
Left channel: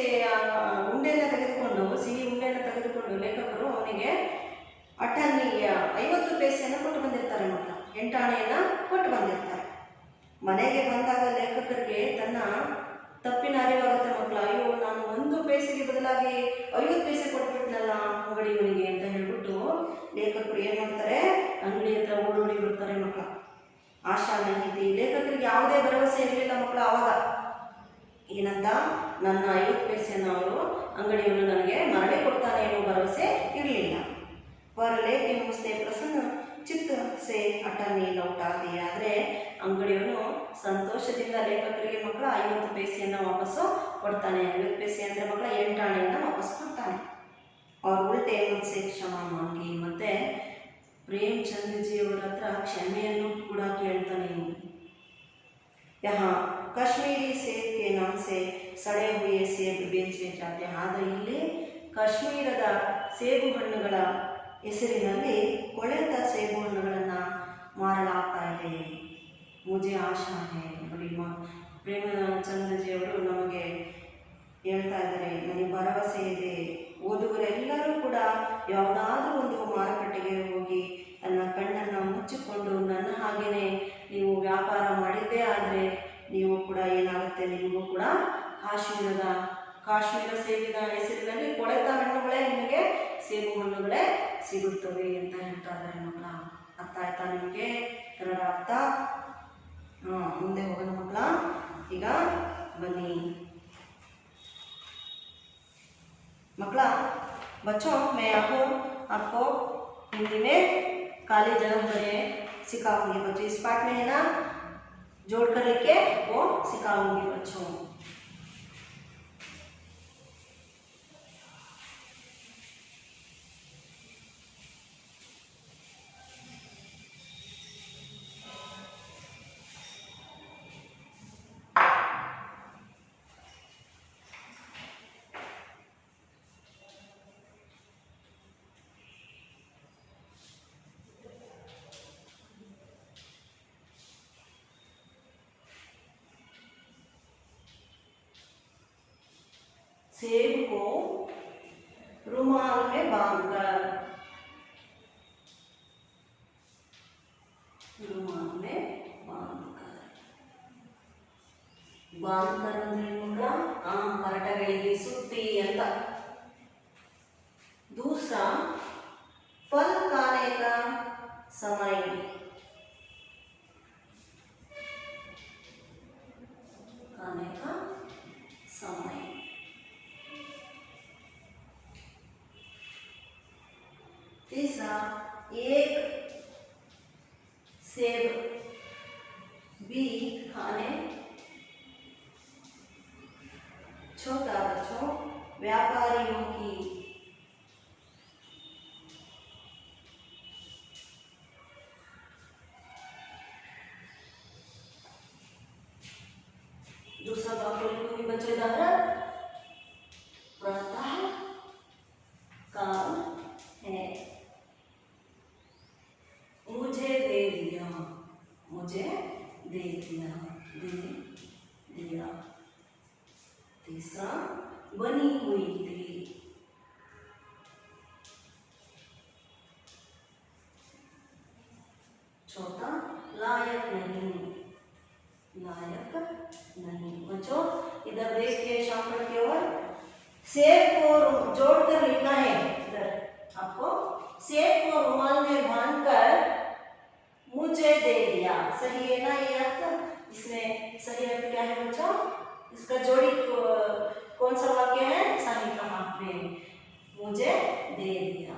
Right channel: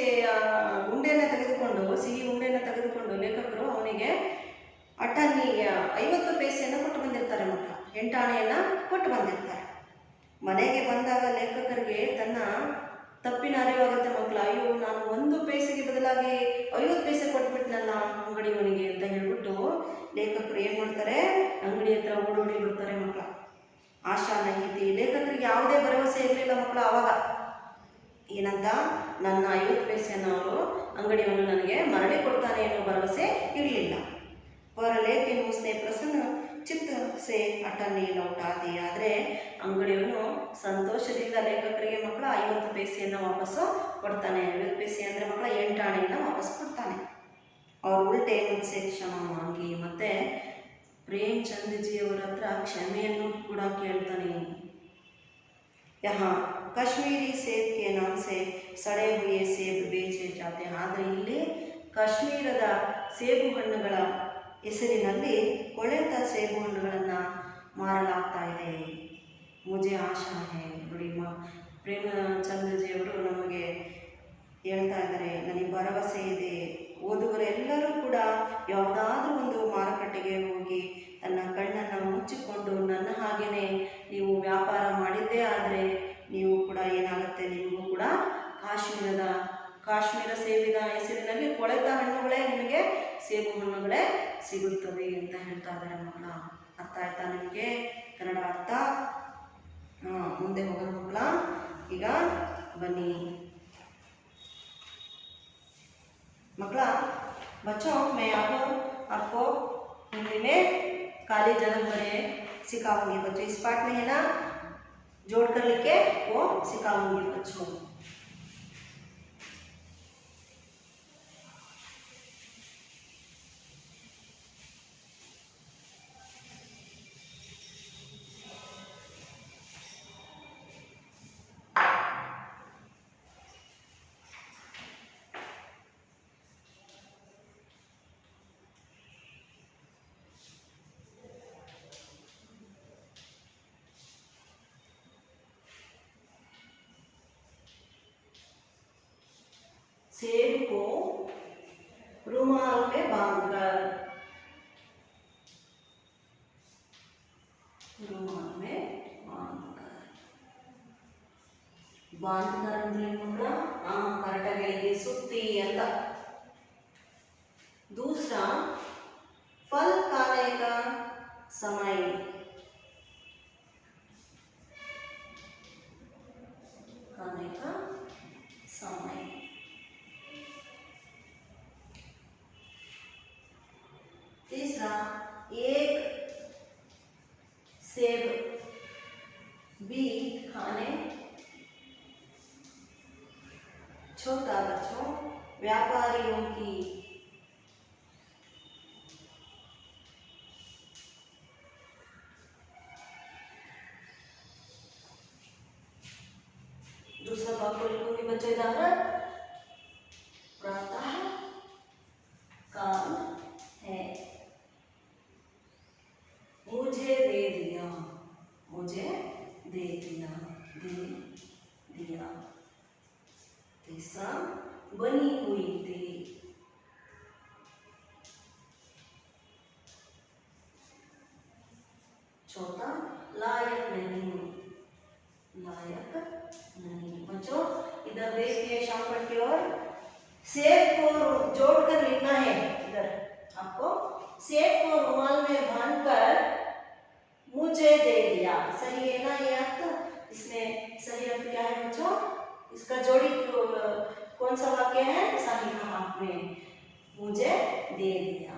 ಉಂಡೆಯನ್ನು ತೆಗೆದುಕೊಂಡು, ಸಿಹಿ ಉಂಡೆಯನ್ನು ತೆಗೆದುಕೊಂಡು ಲೇಖಕರು ಅವನಿಗೆ ಅಟನ್ನಿಗೆ 50 ಪೈಸೆಯನ್ನು ಕೊಟ್ಟು ಬಂದಿರ್ತಾರೆ ಮಕ್ಕಳ. 8 ಆಣೆಯನ್ನು ಕೊಟ್ಟು ಬಂದಿರ್ತಾರೆ. ಮನೆಗೆ ಬಂದಾಗ ಲೇಖಕರಿಗೆ ತನ್ನ ತಪ್ಪಿನ ಅರಿವಾಗುತ್ತೆ ಮಕ್ಕಳ. ಅಯ್ಯೋ, ನಾನು 1 ಪೈಸೆಗೆ ಬದಲಾಗಿ 50 ಪೈಸೆ ಕೊಟ್ಬಿಟ್ನಲ್ಲ ಅಂಗಡಿಯವನಿಗೆ ಅಂತ ಹೇಳ್ಬಿಟ್ಟು ಲೇಖಕರು ಏನು ಮಾಡ್ತಾರೆ, ಅಂಗಡಿ ಹತ್ರ ಓಡೋಡಿ ಬಿಡ್ತಾರೆ ಮಕ್ಕಳ. ಆಶಾ ನೈತಿ. ಲೇಖಕರಿಗೆ ಯಾವುದೇ ಭರವಸೆ ಇರಲಿಲ್ಲ ಮಕ್ಕಳ. ಆವಾಗ ಏನಂತ, ನನ್ನ 50 ಪೈಸೆಯನ್ನು ಅವರು ಅಂಗಡಿಯವನು ನನಗೆ ಮರಳಿ ಕೊಡ್ತಾನೆ ಅನ್ನೋ ಭರವಸೆ ಇರಲಿಲ್ಲ. ಪರಲೇಕೆ ಮುಸ್ನೆ ಪ್ರಸನ್ನ ಚಿತ್ತ ಸೆ ಅಟನ್ನಿ ಲೌಟಾದೆ. ಆದರೆ ಅಂಗಡಿಯವನು ಸಂತೋಷದಿಂದ ಲೇಖಕರಿಗೆ ಮಕ್ಕಳ 50 ಪೈಸೆಯನ್ನು ವಾಪಸ್ಸು ಕೊಡ್ತಾನೆ. 50 ಪೈಸೆ ಅಂದರೆ ಮಕ್ಕಳ 8 ಆಣೆಯನ್ನು ವಾಪಸ್ ಕೊಡ್ತಾನೆ. ಅವ್ರ ಉಲ್ಟೆ ಮುನ್ಸೆ ಕ್ಷಮಾ ಮಾಂಗಿ. ಮತ್ತು ಪ್ರೇಮ್ಚಂದ್ಜಿಯವರ ಹತ್ರ ಕ್ಷಮೆಯನ್ನು ಕೂಡ ಕೇಳ್ತಾನೆ. यहाँ ಕಾಶ್ಮೀರಿ ಸೇಬ್ ಕೆ ನಾಮ್ ಸೆ ಸಡೆ ಹುಯೆ ಸೇಬ್ ಬೇಚೆ ಜಾತೆ. ಆದರೆ ಇಲ್ಲಿ ಕಾಶ್ಮೀರದ ಸೇಬು ಹಣ್ಣುಗಳ ಹೆಸರಿನಲ್ಲಿ ಕೊಳೆತ ಸೇಬು ಹಣ್ಣುಗಳನ್ನು ಮಾರಲಾಗ್ತಾ ಇದೆ. ಮುಜೆ ಆಶಾ ಹೇ. ನೋಡಿ, ಪ್ರೇಮಚಂದ್ರಜಿಯವರು ನಮಗೆ ಹೇಳ್ತಾ ಇದ್ದಾರೆ, ನನಗೆ ಭರವಸೆ ಇದೆ. ಓದುಗರೆಲ್ಲರೂ ಕೂಡ ಯಾವುದಾದ್ರೂ ಒಂದು ಮಾರುಕಟ್ಟೆಗೆ ಹೋಗಿ ತನ್ನ ಕಣ್ಣನ್ನು ಮುಚ್ಚಿಕೊಂಡು ನನ್ನ ಹಾಗೆಯೇ ನೀವು ವ್ಯಾಪಾರ ಮಾಡಿದ್ದೇ ಆದರೆ ನೀವು ಕೂಡ ಏನಾಗುತ್ತೆ, ನಿಮಗೂ ಕೂಡ ಕಾಶ್ಮೀರ ಸೇಬಿನ ಹೆಸರಿನಲ್ಲಿ ಕೊಳೆತ ಹಣ್ಣುಗಳೇ ನಿಮಗೆ ಸೇಬು ಹಣ್ಣುಗಳೇ ಸಿಗುತ್ತವೆ ಅಂತ ಹೇಳ್ತಾ ಇದ್ದಾರೆ ಮಕ್ಕಳ. ಅರ್ಥ ಆಯ್ತಾ ನಿಮಗೆ ಕನ್ನಡ ಅರ್ಥ? ಮುಂದೆ ಹೋಗೋಣ ಮಕ್ಕಳ. ಈಗ ಬನ್ನಿ मकला बच्चों, मैं आपको हिंदी में काली जगह बने सिखाऊंगी बच्चों. इस पार्ट में है ना, जोड़ कर लिख के वो सिखाऊंगी बच्चों. सेब को रुमाल में बांधकर ಅಂದ್ರೆ ಮಕ್ಕಳ ಕರಟಗಳಿಗೆ ಸುತ್ತಿ ಅಂತ. दूसरा फल खाने का समय. खाने का समय. तीसरा एक सेब भी खाने. छोटा बच्चों, व्यापारियों की दूसरा बात को लिखूंगी बच्चों. उदाहरण प्रातः काल है, मुझे दे दिया. मुझे दे दिया. दे दिया. तीसरा बनी हुई थी. चौथा लायक नहीं. लायक नहीं. बच्चों इधर देखिए शॉर्टकट की ओर. सेब को जोड़कर लिखना है. इधर आपको सेब को रुमाल में बांधकर मुझे दे दिया. सही है ना ये अर्थ? इसमें सही अर्थ क्या है बच्चों? इसका जोड़ी कौन सा वाक्य है? सही कहा आपने, मुझे दे दिया.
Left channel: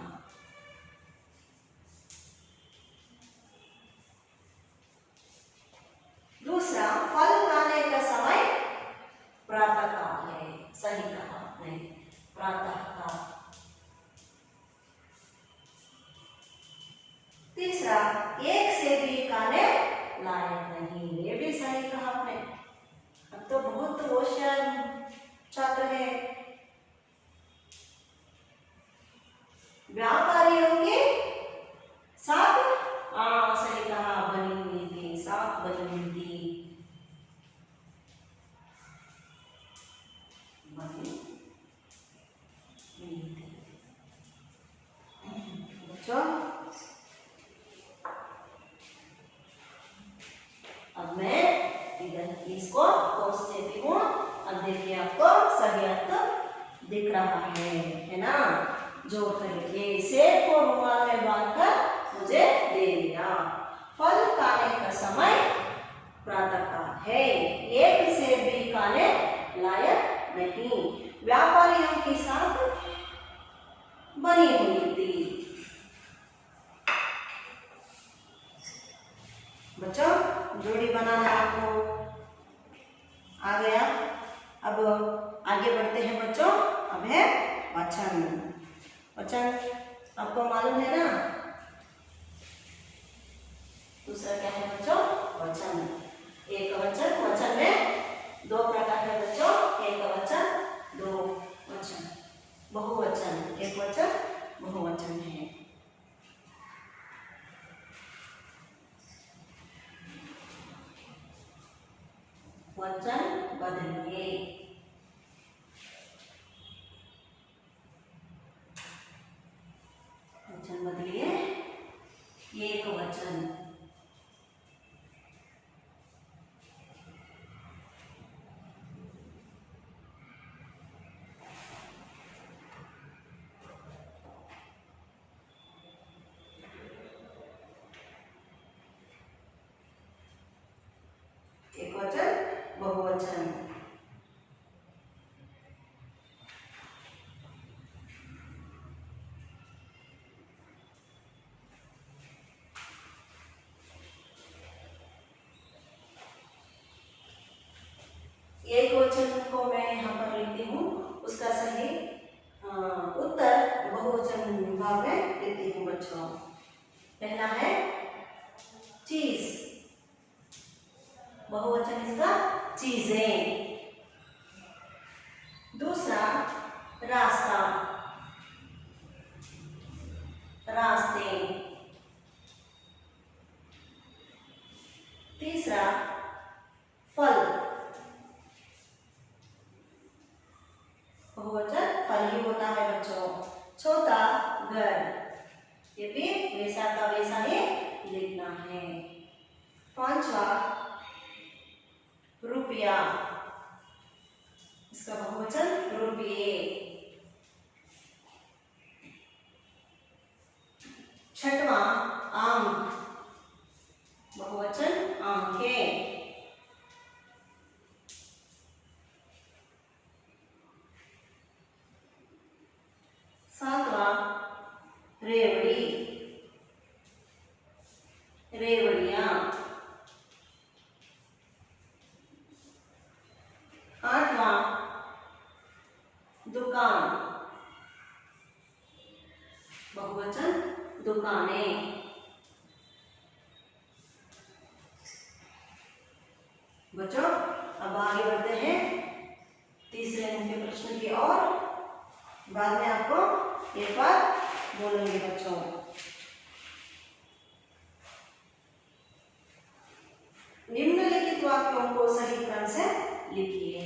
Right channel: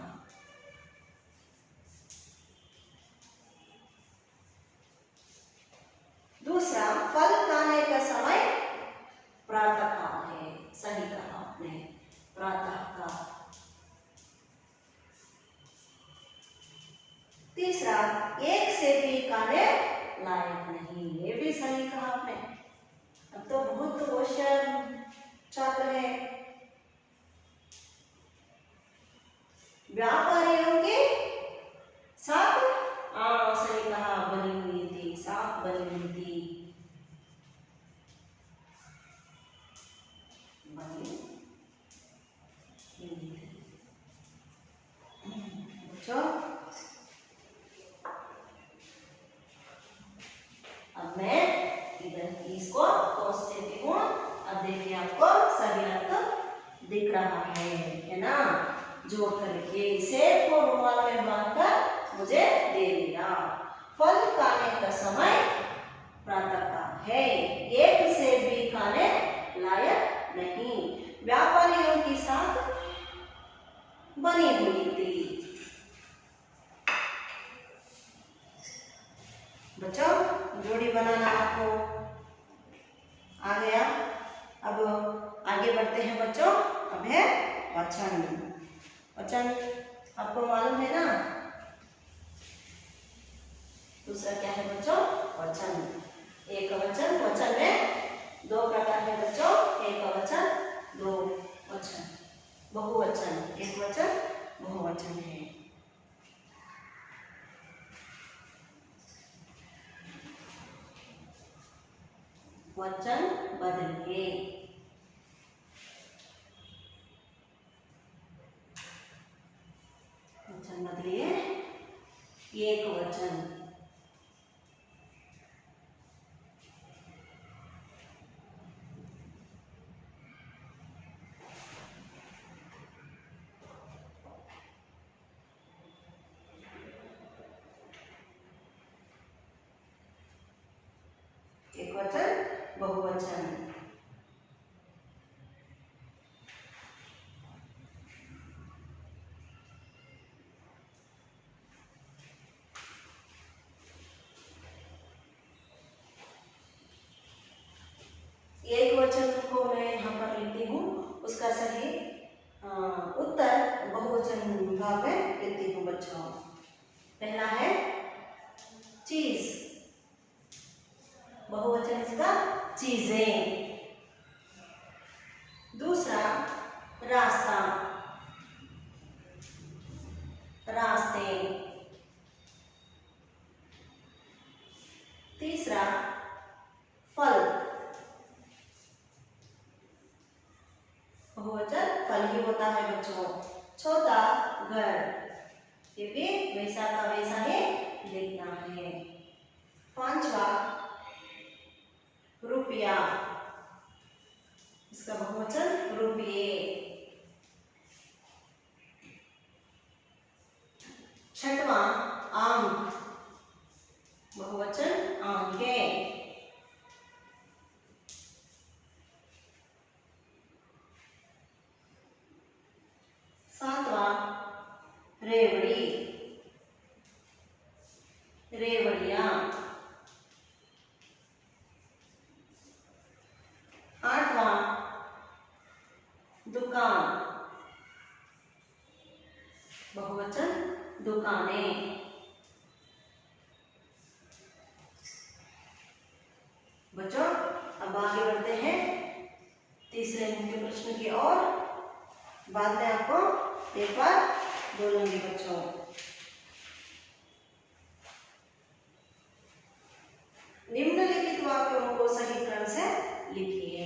प्रातः का। तीसरा, एक से भी खाने लायक नहीं, ये भी सही कहा आपने। अब तो बहुत होशियार छात्र है। व्यापारियों के साथ सही कहा, बनी हुई थी, साथ बनी हुई थी, बनी हुई थी। बच्चों अब मैं इधर इसको तोड़ देती हूँ। अब देखिए आपको सही अर्थ दिख रहा है ना। जोड़ करके सेब को रुमाल में बांधकर मुझे दे दिया। फल खाने का समय प्रातः काल है, एक सेब भी खाने लायक नहीं, व्यापारियों के साथ बनी हुई थी। बच्चों जोड़ी बनाना आपको आ गया। अब आगे बढ़ते हैं बच्चों। अब है वचन। वचन आपको मालूम है ना। दूसरा क्या है बच्चों? वचन। एक वचन। वचन में दो प्रकार है बच्चों, एक वचन, दो वचन। बहुवचन, एक वचन, बहुवचन है। वचन बदलिए। वचन बदलिए। एक वचन। एक वचन, बहुवचन। एक वचन को मैं यहाँ पर लिखती हूँ, उसका सही उत्तर बहुवचन भाग में देती हूँ बच्चों। पहला है चीज, बहुवचन इसका चीजें। दूसरा रास्ता, रास्ते। तीसरा फल, बहुवचन फल ही होता है बच्चों। चौथा घर, ये भी वैसा का वैसा ही लिखना है। पांचवा रुपया, इसका बहुवचन रुपये। छठवां अंक, बहुवचन आंखें। सातवां रेवड़ी, रेवड़ियां। आठवां दुकान, बहुवचन दुकानें। बच्चों अब आगे बढ़ते हैं तीसरे मुख्य प्रश्न की ओर। बाद में आपको एक बार बोलूंगी बच्चों। निम्नलिखित वाक्यों को सही क्रम से लिखिए।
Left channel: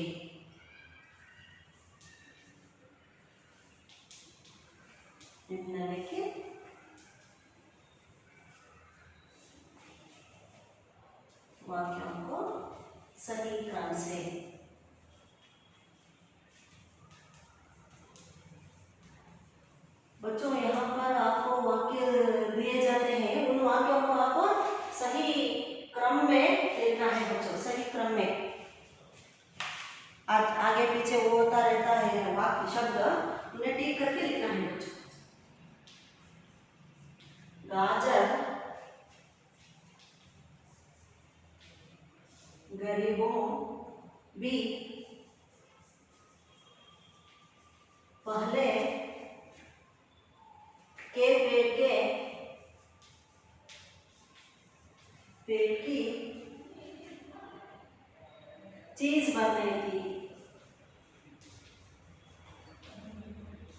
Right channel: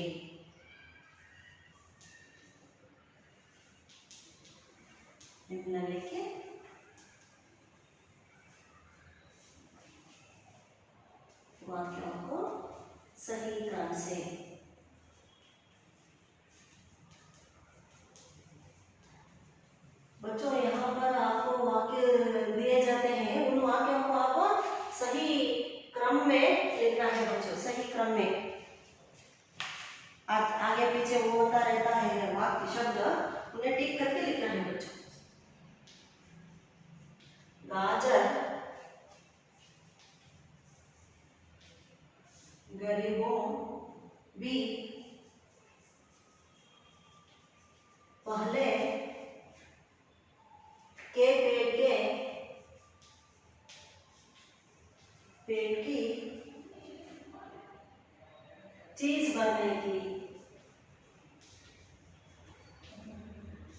निम्नलिखित वाक्यों को सही क्रम से। बच्चों यहाँ पर आपको वाक्य दिए जाते हैं, उन वाक्यों को आपको सही क्रम में लिखना है बच्चों, सही क्रम में। आगे पीछे वो होता रहता है वाक्य शब्द, उन्हें टिक करके लिखना है बच्चों। गाजर गरीबों भी पहले बनने थी,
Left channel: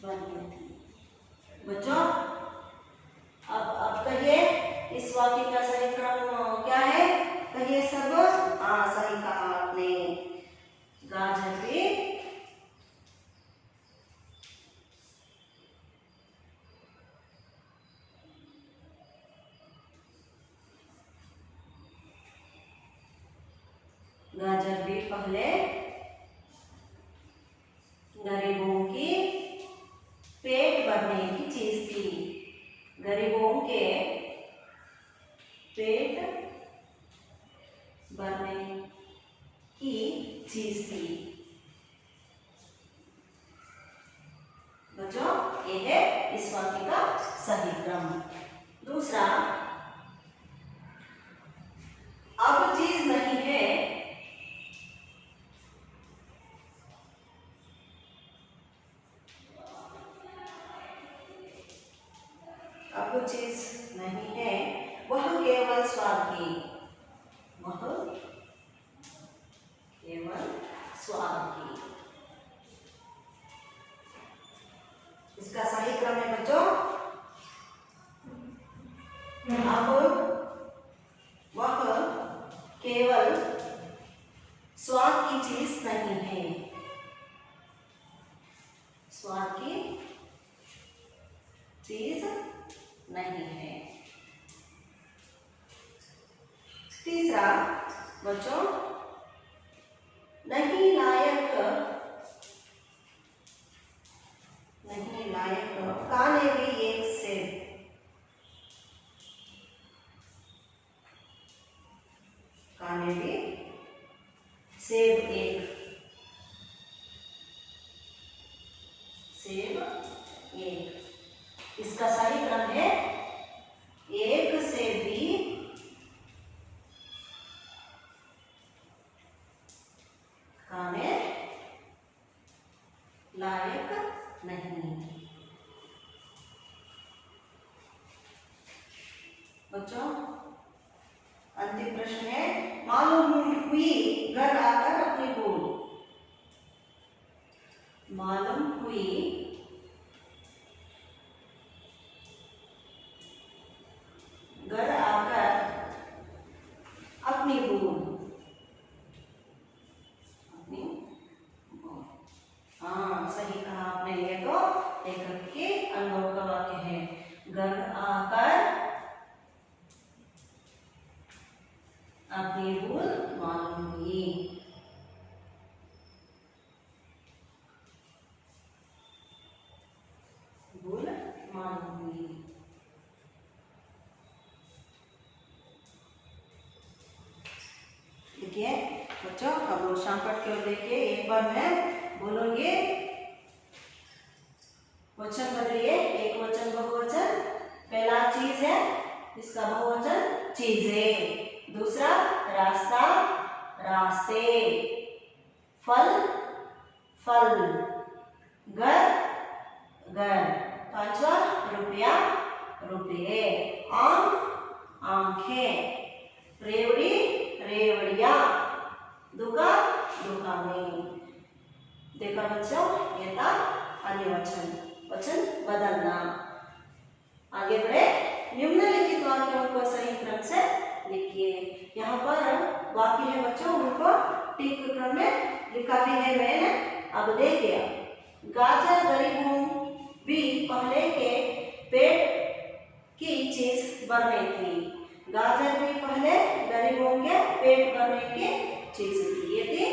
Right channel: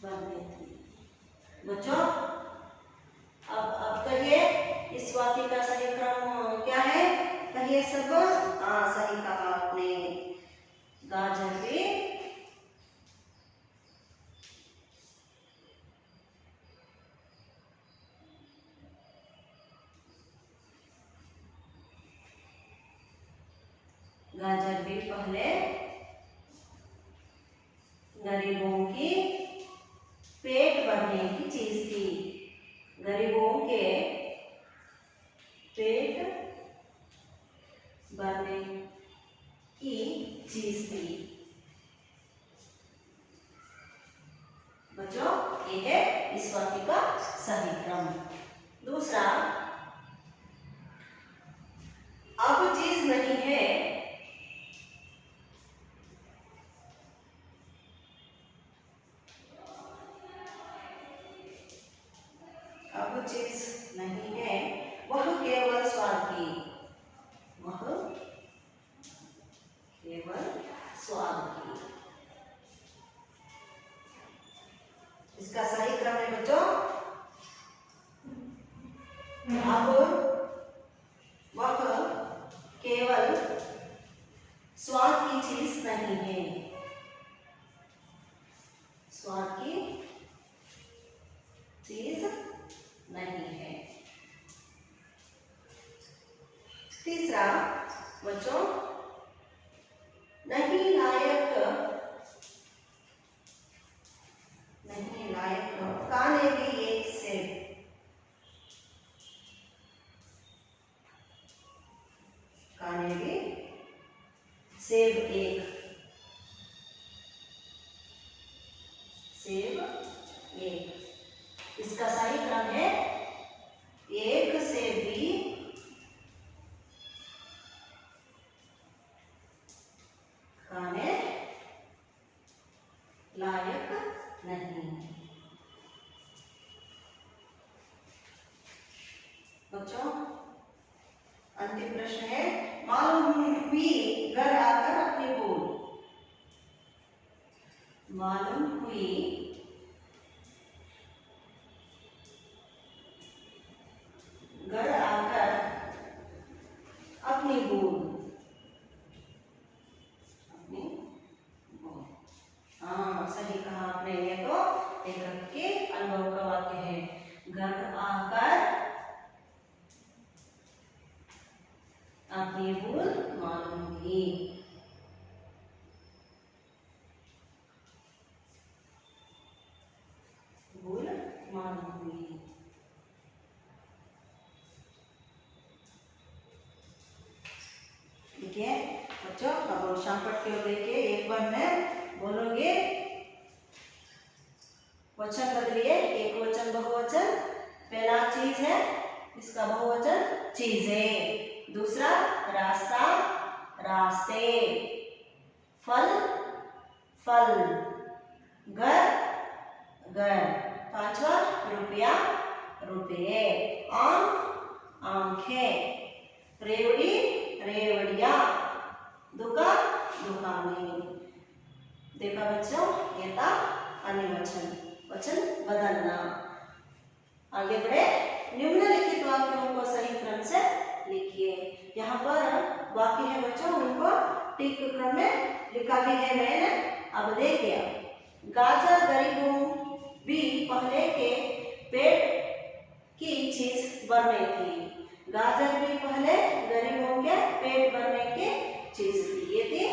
बनने थी। बच्चों अब कहिए इस वाक्य का सही क्रम क्या है? कहिए सब। हाँ, सही कहा आपने। गाजर भी पहले गरीबों की पेट भरने की चीज थी। गरीबों के पेट भरने की चीज थी। बच्चों ये है इस वाक्य का सही क्रम। दूसरा, अब चीज नहीं है, अब चीज नहीं है, वह केवल स्वाद की, वह केवल स्वाद की। इसका सही क्रम है बच्चों, अब वह केवल स्वाद की चीज नहीं है, स्वाद की चीज नहीं है। तीसरा बच्चों, नहीं लायक काने भी एक सेब, काने भी सेब एक, सेब एक। इसका सही क्रम है, एक सेब भी खाने लायक नहीं। बच्चों अंतिम प्रश्न है, मालूम हुई घर आकर अपनी भूल, मालूम हुई घर आकर अपनी भूल, अपनी भूल। हाँ सही कहा आपने, ये तो लेखक के अनुभव का वाक्य है। घर आकर अपनी भूल मालूम हुई। भूल मालूम हुई। देखिए बच्चों, अब शाम पढ़ के देखिए, एक बार मैं बोलूंगी, वचन बदलिए, एक वचन बहुवचन। पहला चीज है, इसका बहुवचन चीजें। दूसरा रास्ता, रास्ते। फल, फल। घर, घर। पांचवा रुपया, रुपये। आम, आंखें। रेवड़ी, रेवड़िया। दुकान, दुकानें। देखा बच्चों, ये था अन्य वचन, वचन बदलना। आगे बढ़े, निम्नलिखित वाक्यों को सही क्रम से लिखिए। यहाँ पर वाक्य है बच्चों, उनको ठीक क्रम में लिखा भी है मैंने। अब देखिए, गाजर गरीबों भी पहले के पेट की चीज भरने थी। गाजर भी पहले गरीबों के पेट भरने की चीज थी। ये थी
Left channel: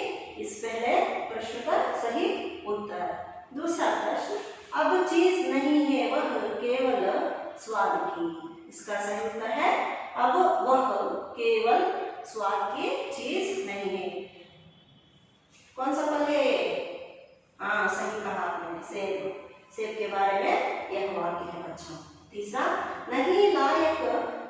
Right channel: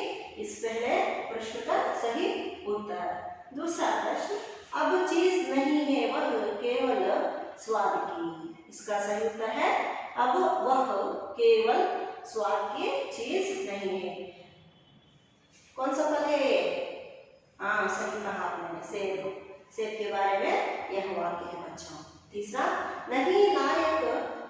इस पहले प्रश्न का सही उत्तर। दूसरा प्रश्न, अब चीज नहीं है, वह केवल स्वाद की। इसका सही उत्तर है, अब वह केवल स्वाद की चीज नहीं है। कौन सा फल है ये? हाँ सही कहा आपने, सेब। सेब के बारे में यह वाक्य है बच्चों। तीसरा, नहीं लायक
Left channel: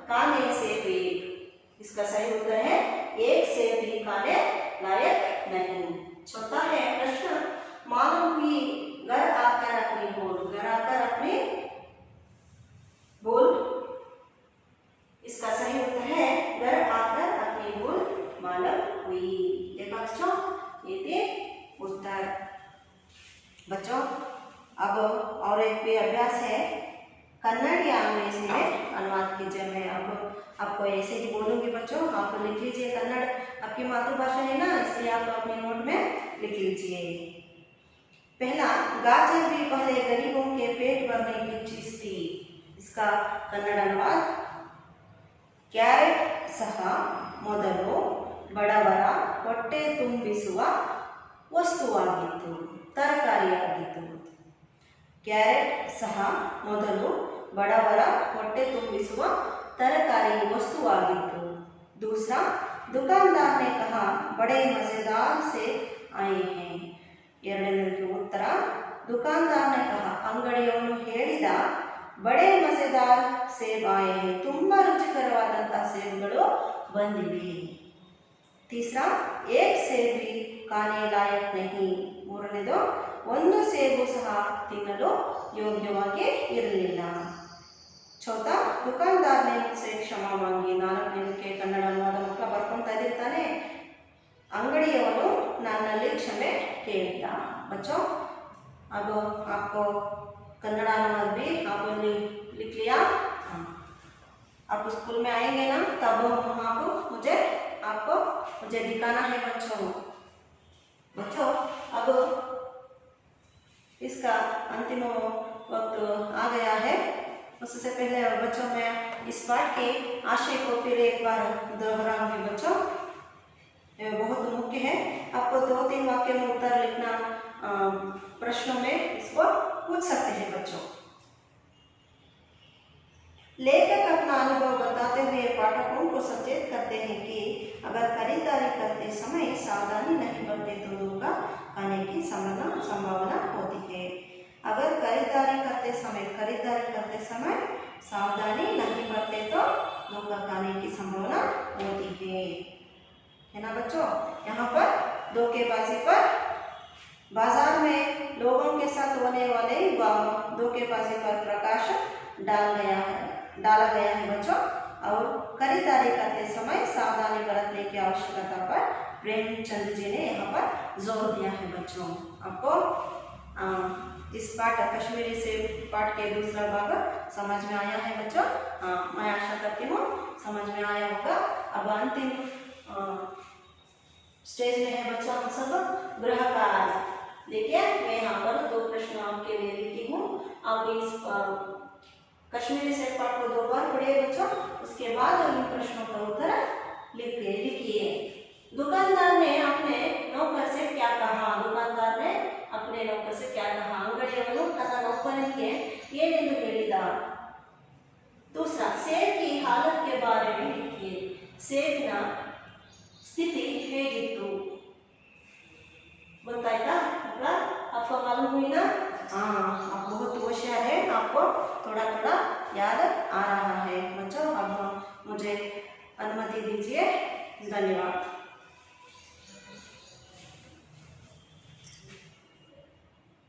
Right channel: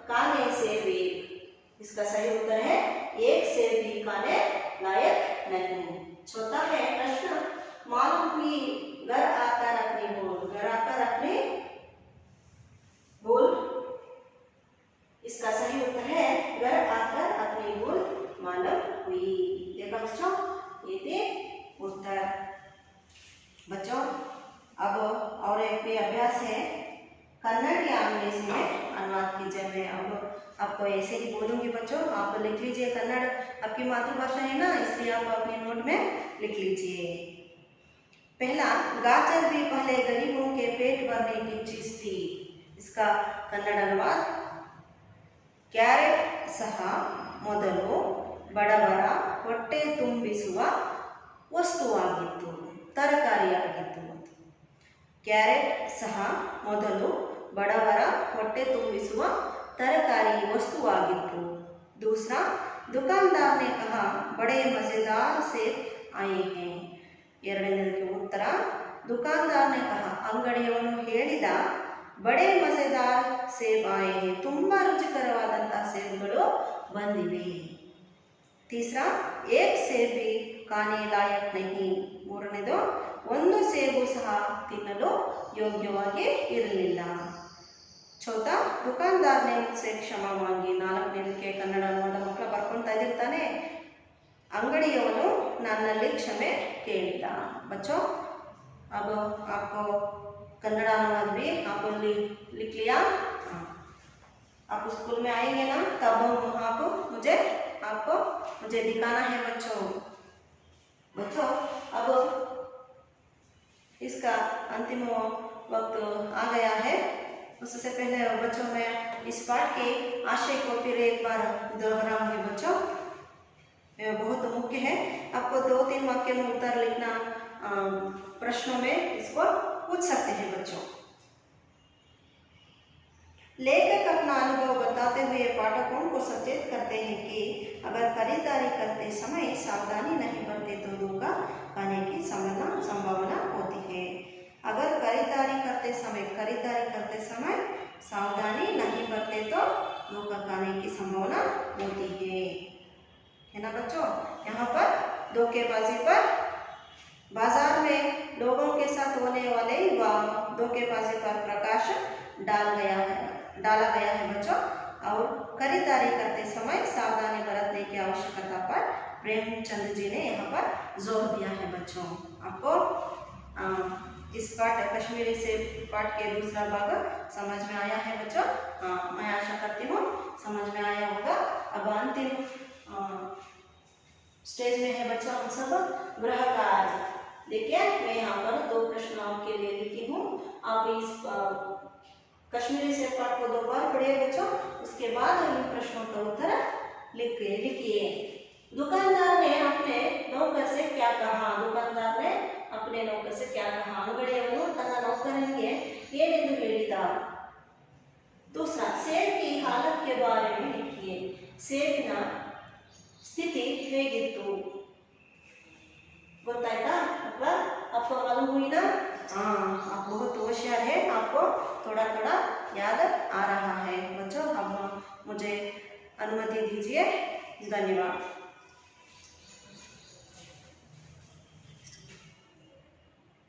काने सेब एक। इसका सही उत्तर है, एक सेब भी खाने लायक नहीं। चौथा है प्रश्न, मालूम हुई घर आकर अपनी भूल। घर आकर अपनी भूल, इसका सही उत्तर है, घर आकर अपनी भूल मालूम हुई। देखा बच्चों, ये थे आपको ऐसे ही बोलूँगी बच्चों, आप लिख लीजिए। कन्नड़ आपकी मातृभाषा है ना, इसलिए आप अपने नोट में लिख लीजिए। पहला, गाजर भी पहले गरीबों के पेट भरने की चीज थी। इसका कन्नड़ अनुवाद, ಕ್ಯಾರೆಟ್ ಸಹ ಮೊದಲು ಬಡವರ ಹೊಟ್ಟೆ ತುಂಬಿಸುವ ವಸ್ತುವಾಗಿತ್ತು, ತರಕಾರಿಯಾಗಿತ್ತು। ಕ್ಯಾರೆಟ್ ಸಹ ಮೊದಲು ಬಡವರ ಹೊಟ್ಟೆ ತುಂಬಿಸುವ तरकारी वस्तुವಾಗಿತ್ತು। दूसरा, दुकानदार ने कहा बड़े मज़ेदार सेब आए हैं। ಎರಡನೇದಕ್ಕೆ ಉತ್ತರ, ದುಕಾನ್ದಾರ್ ನೆ ಕಹಾ, ಅಂಗಡಿಯವನು ಹೇಳಿದ, ಬಡೆ ಮಜೆದಾರ್ ಸೇಬ್ ಆಯೆ ಹೈ, ತುಂಬ ರುಚಿಕರವಾದಂತಹ ಸೇಬುಗಳು ಬಂದಿವೆ। ತೀಸರಾ, ಏಕ್ ಸೇಬ್ ಭಿ ಖಾನೆ ಲಾಯಕ್ ನಹಿ। ಮೂರನೇದು, ಒಂದು ಸೇಬು ಸಹ ತಿನ್ನಲು ಯೋಗ್ಯವಾಗಿ ಇರಲಿಲ್ಲ। ಚೌಥಾ, दुकानदार ने मुझसे क्षमा मांगी। ನಾಲ್ಕನೇದಕ್ಕೆ ಕನ್ನಡ ಅನುವಾದ ಮಕ್ಕಳ ಬರ್ಕೊಳ್ತಾ ಇದ್ದಿರ್ತಾನೆ, अंगड़ियवनु नन्नल्ली क्षमे केळिद। बच्चों, अब आपको कन्नड़ अनुवाद भी आपको लिख लिया। आप स्कूल में आएंगे ना, तब वहाँ को मुझे दिखाना है बच्चों। अब इसका अंतिम वक्त आ गया है। उससे पहले बच्चों मैं इस पाठ के आशय को फिर एक बार दोहराऊंगी बच्चों, बहुत मुख्य है। आपको 2-3 वाक्य में उत्तर लिखना प्रश्नों में इसको पूछ सकते हैं बच्चों। लेखक अपना अनुभव बताते हुए पाठकों को सचेत करते हैं कि अगर खरीदारी करते समय सावधानी नहीं बरते तो धोखा खाने की संभावना होती है। अगर खरीदारी करते समय सावधानी नहीं बरते तो धोखा खाने की संभावना होती है ना बच्चों। यहाँ पर धोखेबाजी पर बाजार में लोगों के साथ होने वाले धोखेबाजी पर प्रकाश डाला गया है बच्चों। और खरीदारी करते समय सावधानी बरतने की आवश्यकता पर प्रेमचंद जी ने यहाँ पर जोर दिया है बच्चों। आपको इस पाठ कश्मीरी से पाठ के दूसरा भाग समझ में आया है बच्चों। मैं आशा करती हूँ समझ में आया होगा। अब अंतिम स्टेज में है बच्चों हम सब गृह कार्य। देखिए, मैं यहाँ पर 2 प्रश्न आपके लिए लिखी हूँ। आप इस कश्मीरी से पाठ को 2 बार पढ़िए बच्चों, उसके बाद इन प्रश्नों का उत्तर लिखिए। दुकानदार ने अपने नौकर से क्या कहा? दुकानदार ने अपने नौकर से क्या कहा? अंगड़िಯವನು ತನ್ನ नौकरನಿಗೆ ಏನೆಂದು ಹೇಳಿದ? दूसरा, सेब की हालत के बारे में लिखिए। सेबिನ स्थिति ಹೇಗಿತ್ತು? बताएगा मतलब आपको मालूम हुई ना? हाँ, आप बहुत होशियार है, आपको थोड़ा थोड़ा याद आ रहा है बच्चों। अब मुझे अनुमति दीजिए, धन्यवाद।